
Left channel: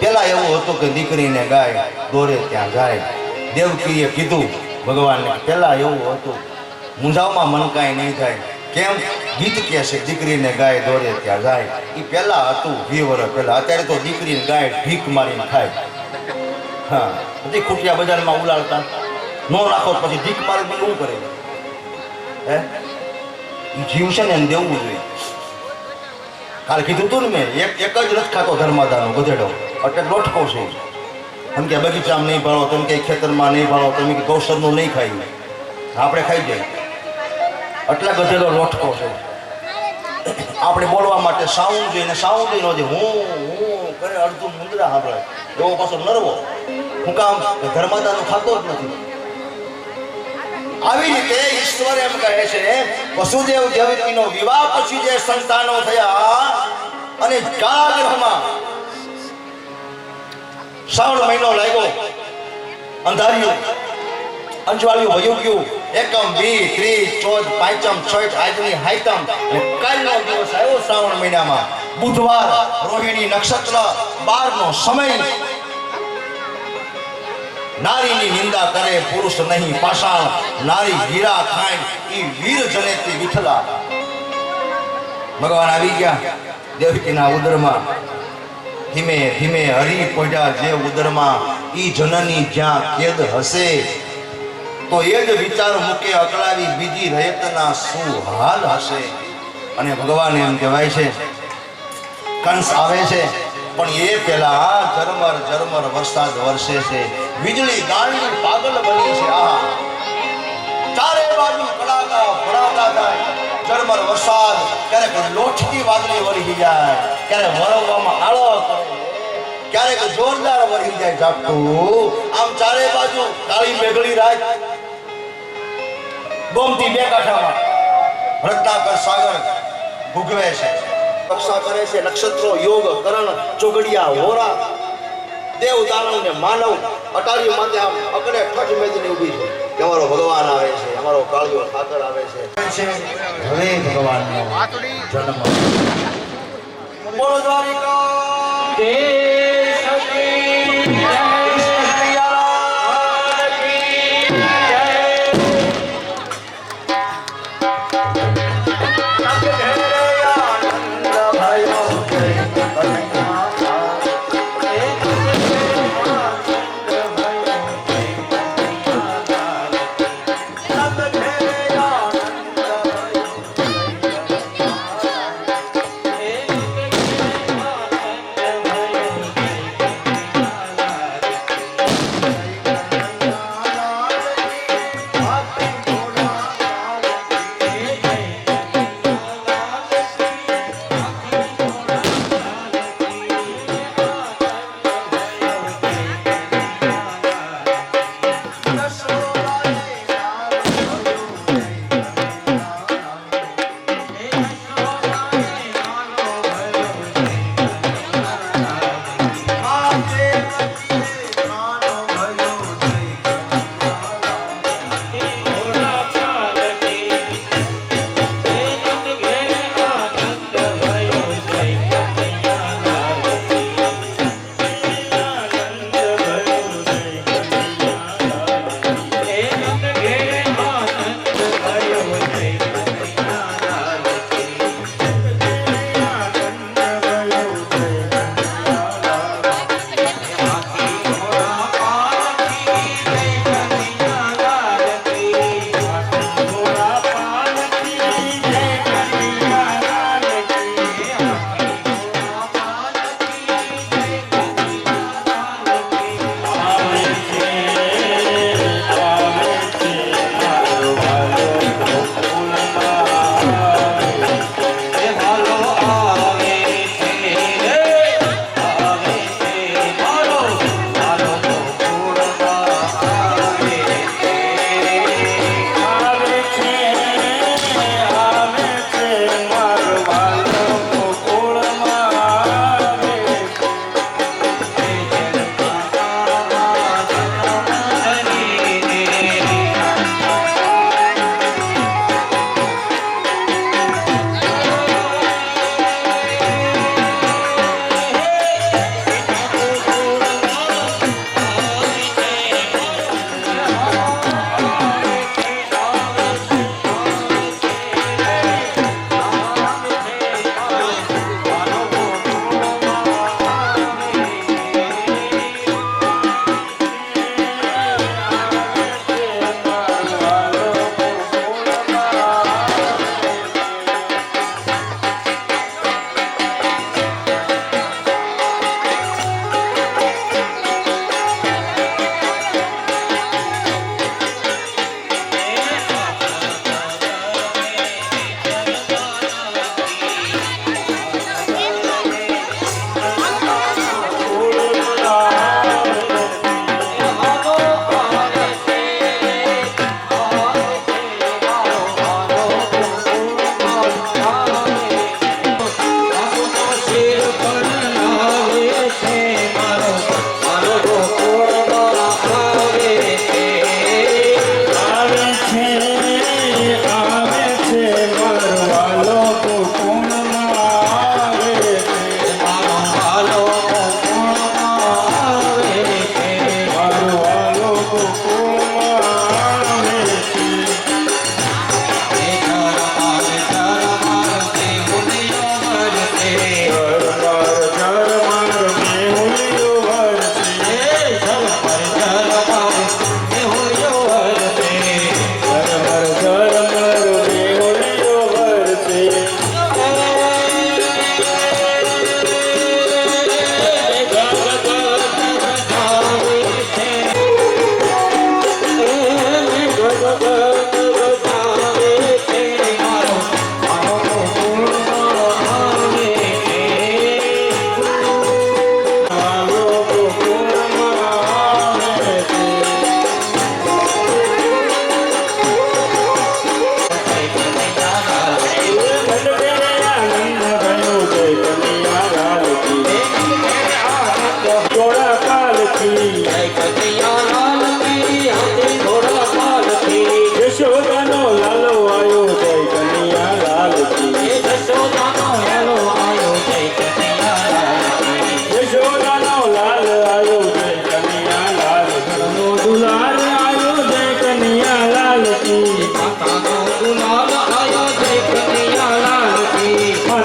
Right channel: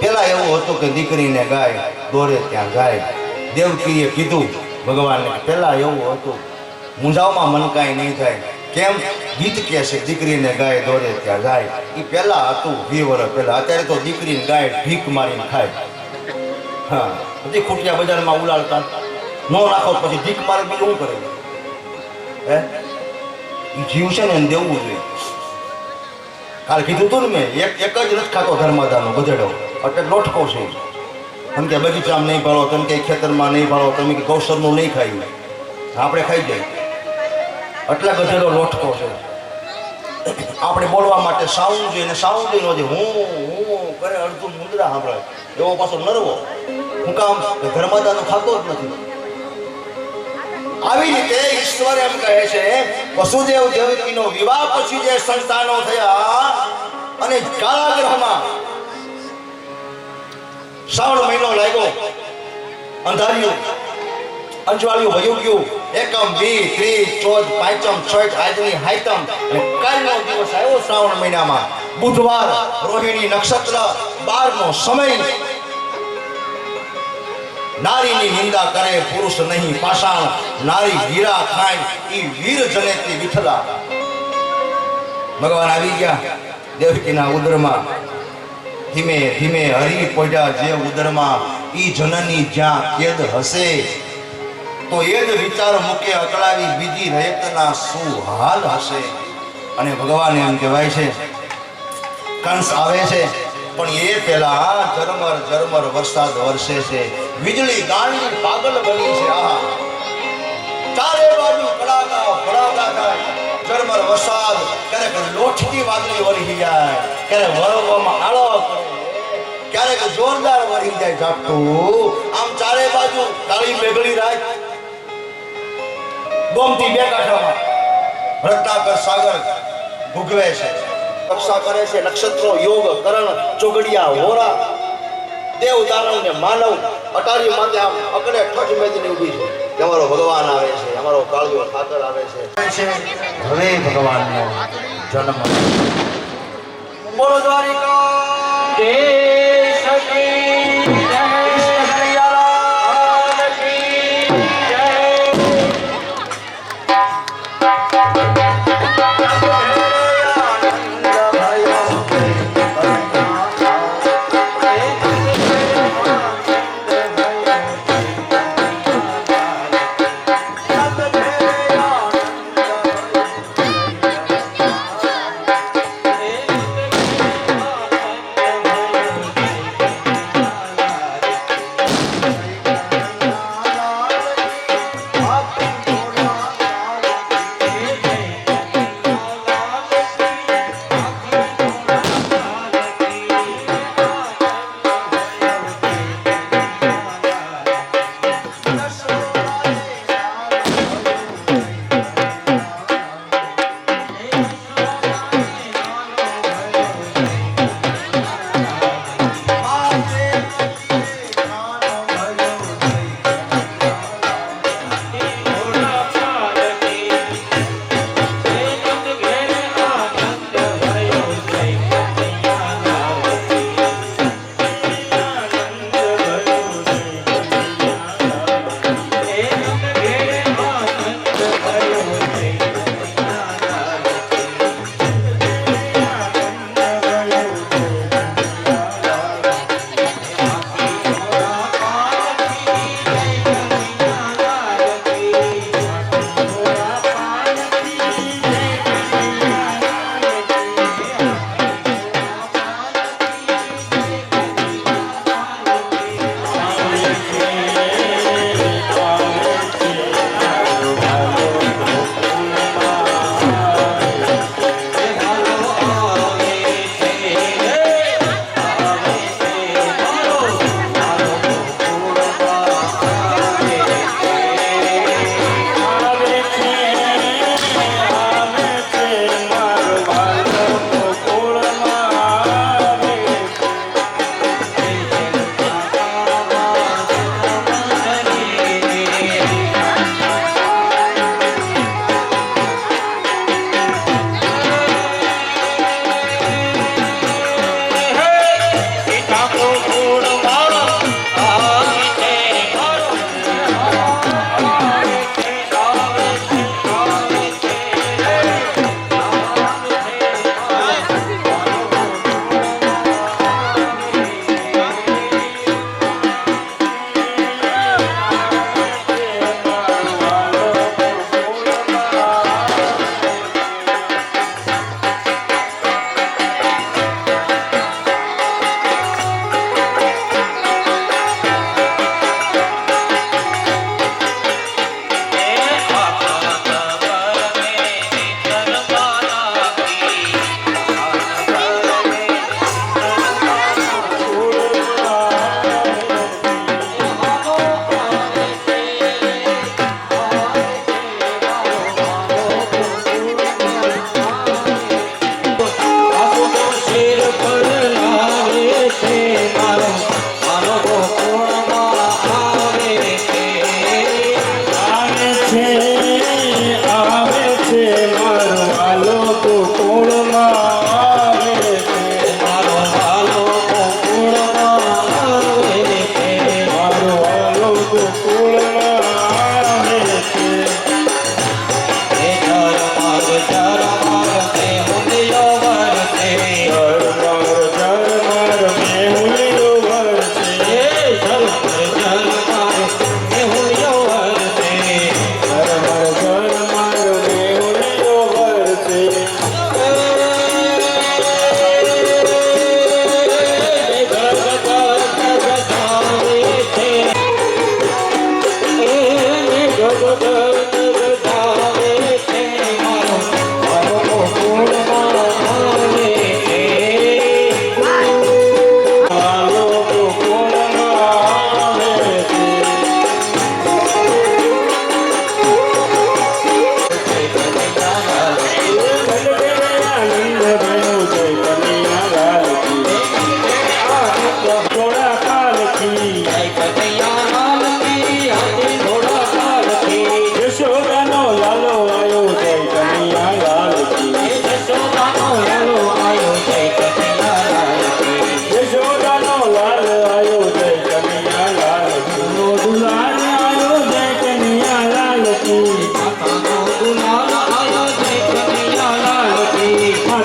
પેલા એવું હતું કે દીકરીને ગાય દોરે ત્યાં જાય. દેવકીએ કીધું ભગવાનને, પેલા એવું હતું, મૂંઝાવમાં મન કાંઈ નહીં થાય. કેમ? ગીત કહે છે દીકરીને ગાય દોરે ત્યાં જાય. એ પહેલા હતું 20 વર્ષ પહેલા. અત્યારે તો દીકરીને ગાય ભીખ મારીને ખાય. હા, પછી ખૂટિયા બજારમાં ઉલાળતા નો નાખો પછી ભીખ મારે બીજું શું કરે? હે, એ જીવ છે ને એને દેવું જોઈએ. કાલે કીધું તું ને મેં, એક જ નથી ખાતો ધર્માદાનો ગધેડો, એટલે લોટકો છે. એમ કે બગીચામાં નહીં ભાળો, તમે કે ખેતરમાં નહીં ભાળો, તમે કે ગૌસરનું નહીં ખાઈ, આપણે ખાઈ જાય. એટલા ગધેડો લોટકો છે. આપણે બોલવા માટે સાઉન્ડ જોઈએ ને સાઉન્ડ જોઈએ નહોતી. હું કરે અડધું મુંદરા સાંભળે એવો પાછો નરવો. હું કામ ધર્માદાનું ખાતો જ નથી. આવી રીતે ઈશ્વર એમ કહે છે વસુદેવ દેવકીનો વિવાહ પછી જે સંતાનો થયા અને કારાગૃહમાં શ્રાવણ મહિનો લાગ્યો, અંધારિયું અંજવાળિયું વયું ગયું. એકમ 20 30 14 પાંચમ છઠ આજની હાઈતમ અને કાલનો દિવસ આવ્યો શ્રાવણ મહિનામાં બુધવાર, રોહિણી નક્ષત્ર, 12નો સમય. નારીની નિંદા કરે પુરુષ નહીં પાષાણ, નારી હીરા ખાય ઈ વીર જનેતી વિઠલા. ભગવાન આવી ગયા દેવકીના ઉદરમાં. ધીમે ધીમે હરી પડ્યા જે ઉદરમાં. ઈ જનની જ્યાં કેદ હશે તો એ જ વિચાર મૂકે અકળાવી બીજી રહેતના શું હાલ હશે. અને ભગવાન એમ કહેવાય છે કંસ આવે છે પણ એ પહેલા ઝરમર ઝરમર વરસાદ વરસે છે. વીજળી ગાંડી પાગલ બની છે. આ ચારે બાજુ કડાકા ભડાકા થાય. ઝરમર વરસાદ, ક્યારેક લોટકી વાદળી વળી જાય, ક્યારેક વરવવામાં આળો કરે. ક્યારેક જોરદાર વળી જાય ઝાપટું આમ ચારે બાજુ કાળી મેઘડી રાત ગોમતી બે કાંઠામાં રત્નાકર સાગર ભૂગવે છે રક્ષા કરે છે નક્ષત્રો યોગ કરણ ચોગડિયા હોરા દેવ દાનવ ને માનવ અટારી માથે આમ અકડે ઠઠ મેદની ઊભી છે અમારો ભગવાન આવે છે અમારો કાળિયો ઠાકર આવે છે હવે ભગવાનનો જન્મ બોલો દ્વારિકા દેશ કી જય, લાલ કી જય.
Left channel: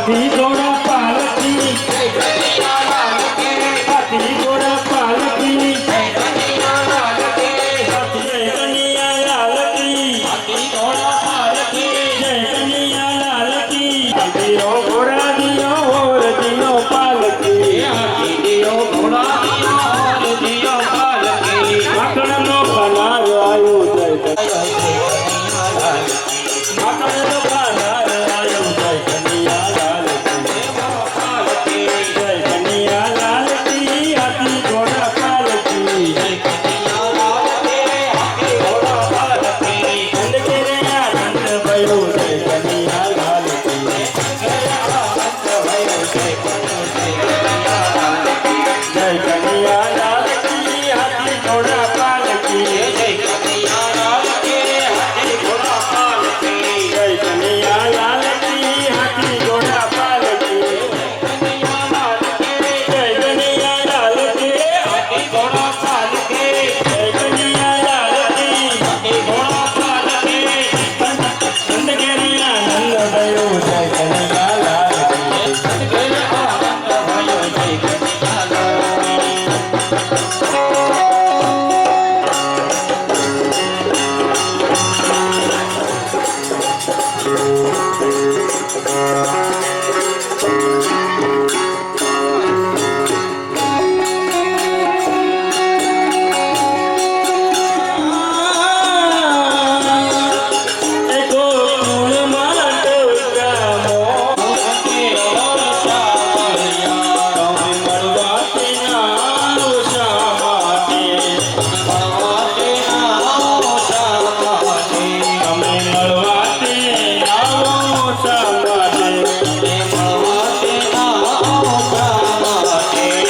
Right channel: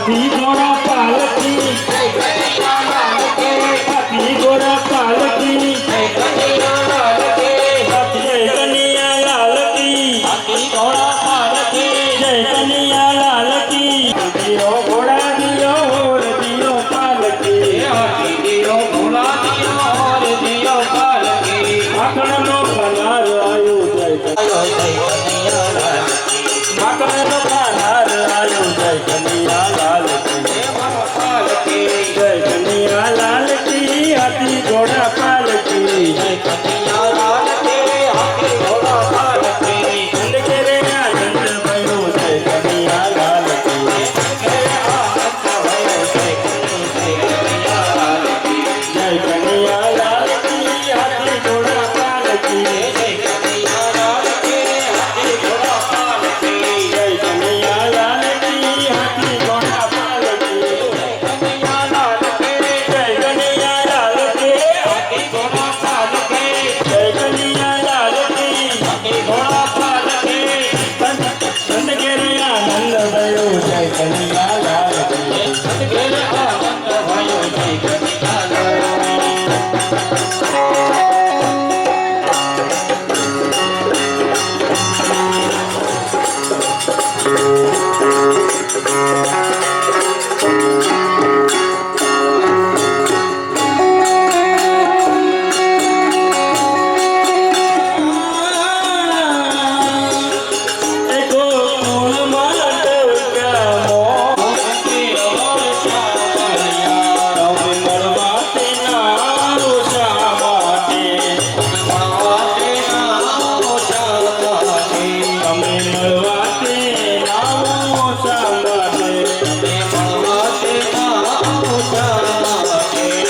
હાથી ઘોડા પાલકી જય કનૈયા લાલ કી હાથી ઘોડા પાલકી જય કનૈયા લાલ કી જય કનૈયા લાલ કી હાથી ઘોડા પાલકી જય કનૈયા લાલ કી દિયો ઘોડા દિયો ઓર દિયો પાલકી હાથી દિયો ઘોડા દિયો ઓર દિયો પાલકી માખણનો પનાર આયો જય જય કનૈયા લાલ માખણનો પનાર આયો જય કનૈયા લાલ કી પાલકી જય કનૈયા લાલ કી હાથી ઘોડા પાલકી જય કનૈયા લાલ કી હાથી ઘોડા પાલકી નંદ કેરે આનંદ ભયો જય કનૈયા લાલ કી જય આનંદ ભયો જય કનૈયા લાલ કી જય કનૈયા લાલ કી હાથી ઘોડા પાલકી જય કનૈયા લાલ કી હાથી ઘોડા પાલકી જય કનૈયા લાલ કી હાથી ઘોડા પાલકી કનૈયા લાલ કી જય કનૈયા લાલ કી હાથી ઘોડા પાલકી જય કનૈયા લાલ કી હાથી ઘોડા પાલકી નંદ કેરે આનંદ ભયો જય કનૈયા લાલ કી સદગુર આનંદ ભયો જય કનૈયા લાલ એકો મૂળ માટે ગામો કે ઓર શામળિયા રવિ મળવા તેના શા માટે મળવાતે નામો શામળિયા તમે મળવા તેના શા માટે તે મળવાતે નામો શામળિયા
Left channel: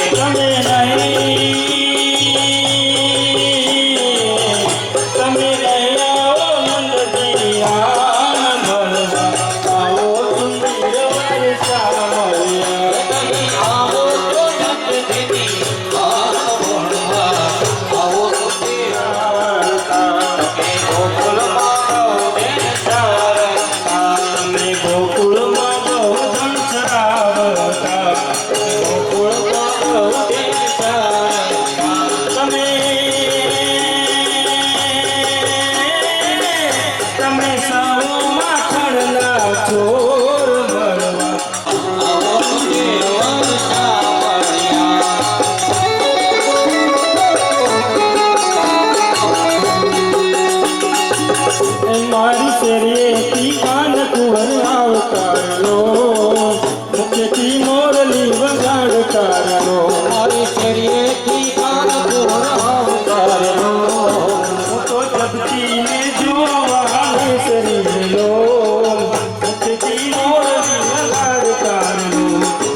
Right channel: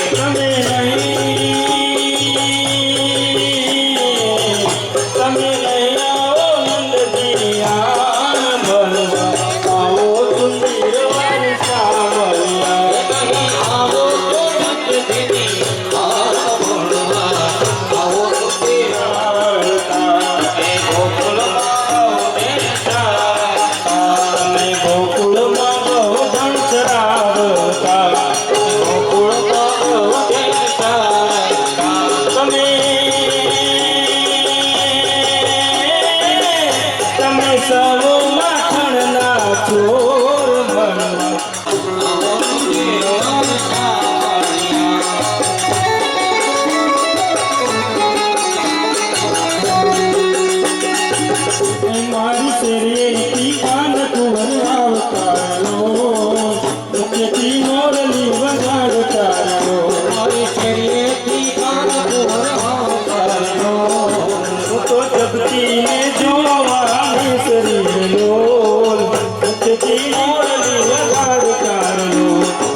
તમે નહીં આવો નંદજી આન મળવા આવો સુંદર વર્ષા મળ્યા આવો તો નંદજી આવો મળવા આવો તો તે ગોકુળમાં બેન સારતા તમે ગોકુળમાં બહુ ધન ચરાવતા ગોકુળમાં બેન સારતા તમે સૌ માખણના ચોર મળવા આવો તે ઓર શામળિયા મારી શેરીએથી કાન કુંવર આવતારો મુખેથી મોરલી વગાડતારો મારી શરીરેથી કાન કુંવર આવતારો હું તો જગતીને જોવાની શરીરનો મુખેથી મોરલી વગાડતારો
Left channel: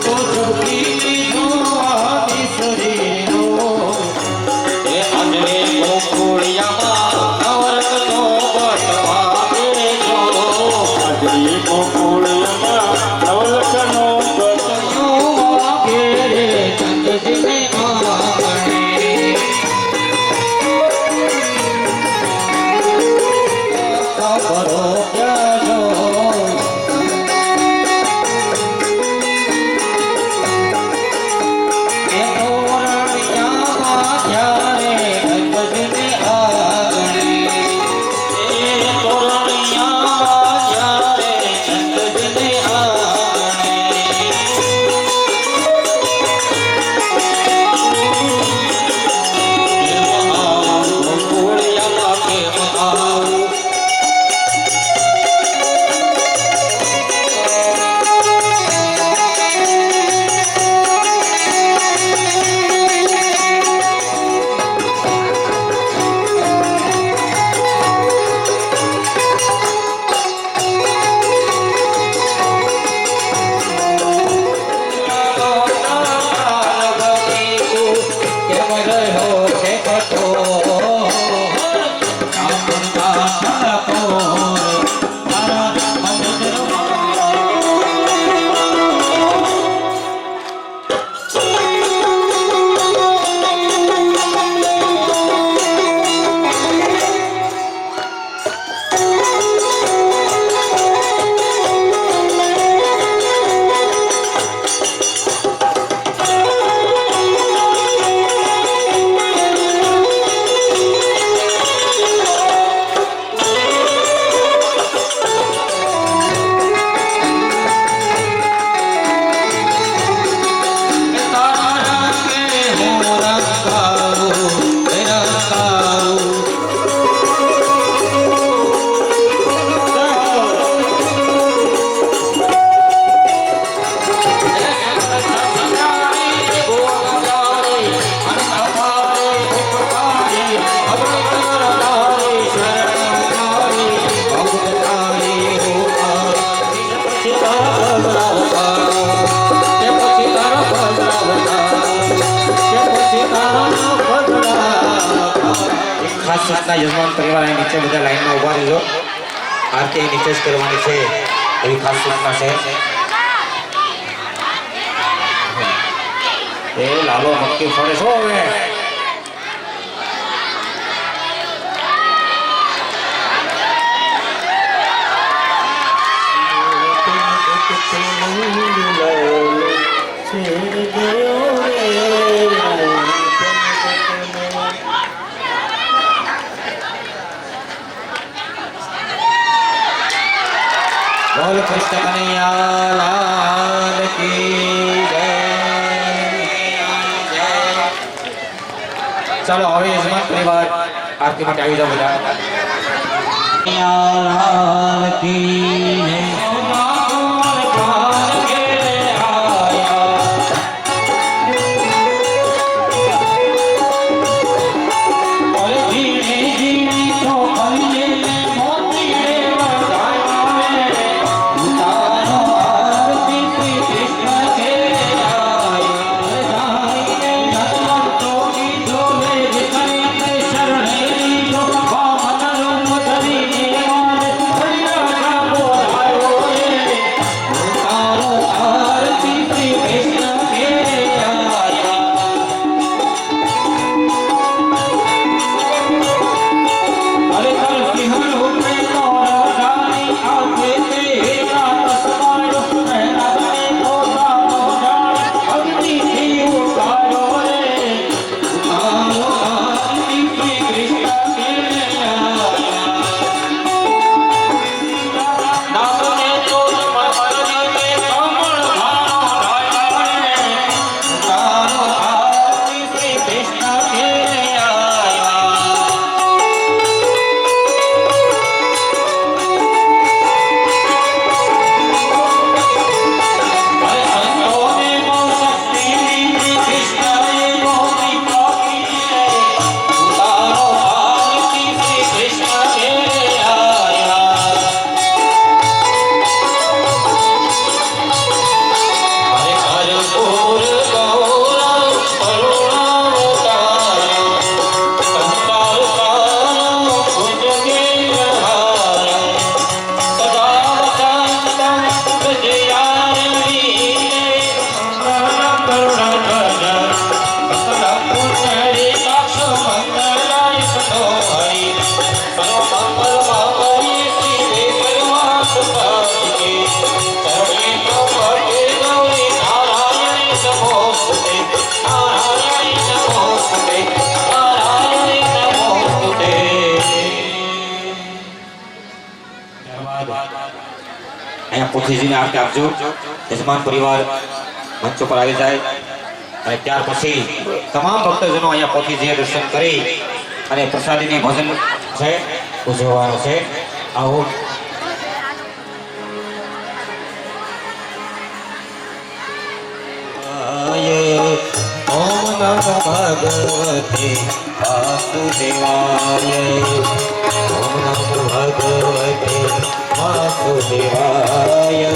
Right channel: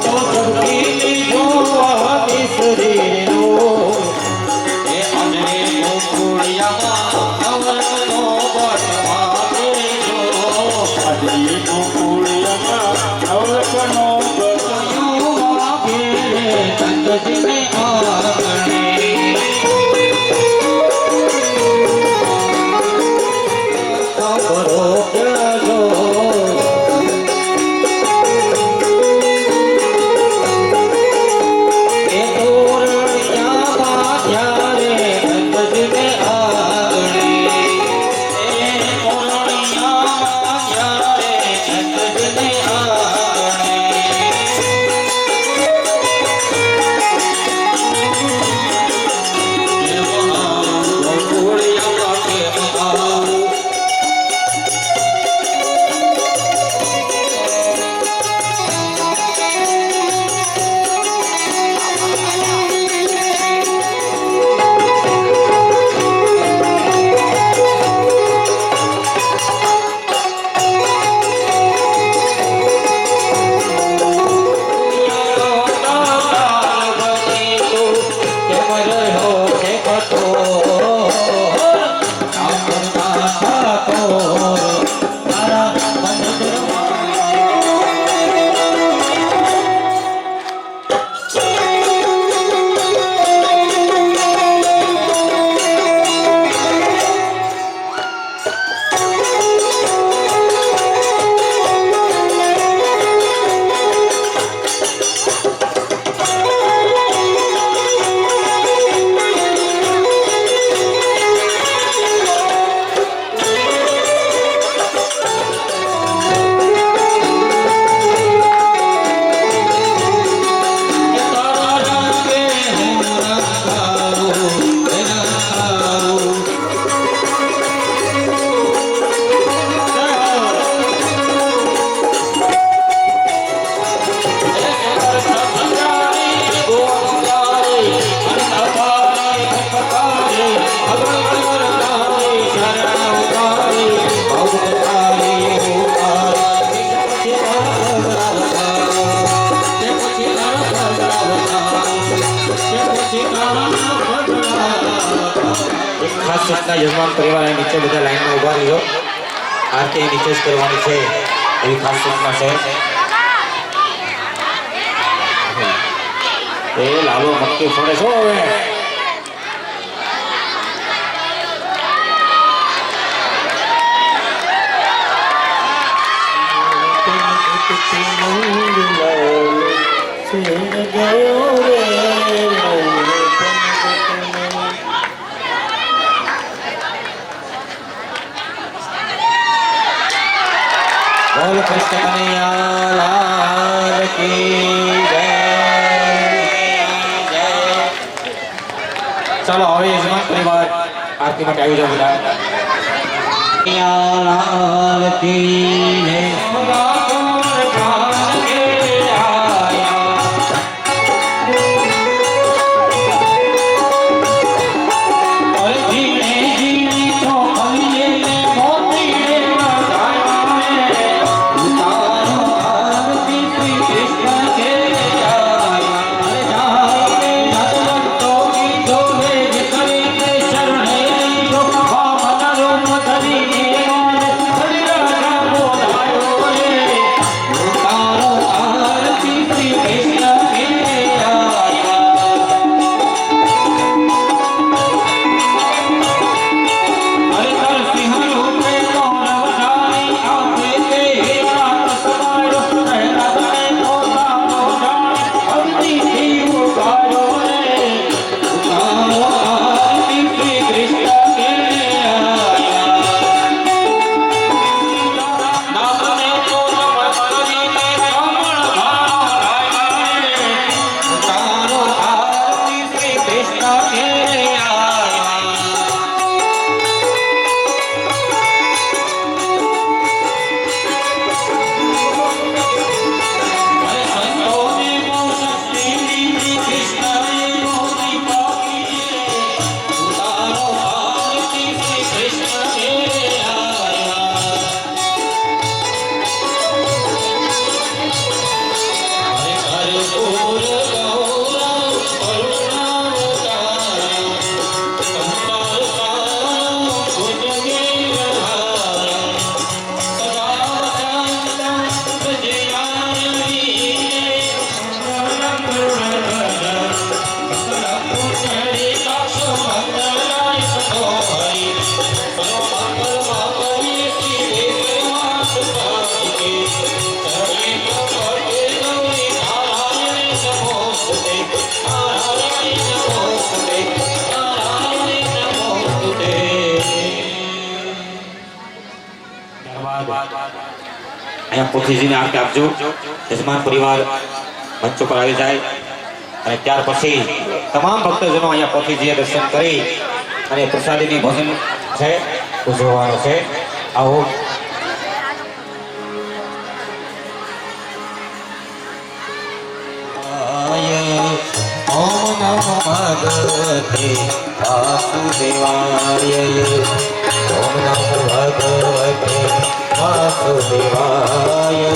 તો ધરતીની જોવાની શરીરો એ અજરે ગોકુળિયામાં નવરત્નો બટવા બેજો આજે ગોકુળમાં નવલખનો બસ યુવા ઘેરે ચંદજીને આંગણે ખબરો કહેજો સૂચના યજમાન પરિવાર અહીં નીચે બધા લાઈનમાં ઊભા રહેજો. આરતી નીચે જ કરવાની છે એવી ખાસ સૂચના છે. એ લાલો મક્કી ફરે છો હવે. બોલ કૃષ્ણ કનૈયા લાલ કી જય. ચાલો હવે યજમાન પરિવાર આરતી માટે આવી જાઓ બધા. કનૈયા લાલ કી જય. અહીંયા પોથીજીને આરતી આપજો. યજમાન પરિવાર મંચ પર આવી જાય અને ત્યાર પછી તમામ ભક્તજનો અહીંયા પોથીજીએ દર્શન કરી અને પ્રસાદીની ભોજન છે ઉજવવાનો છે. આવો ઓમ નમો ભગવતે વાસુદેવાય. ઓમ નમો ભગવતે વાસુદેવાય.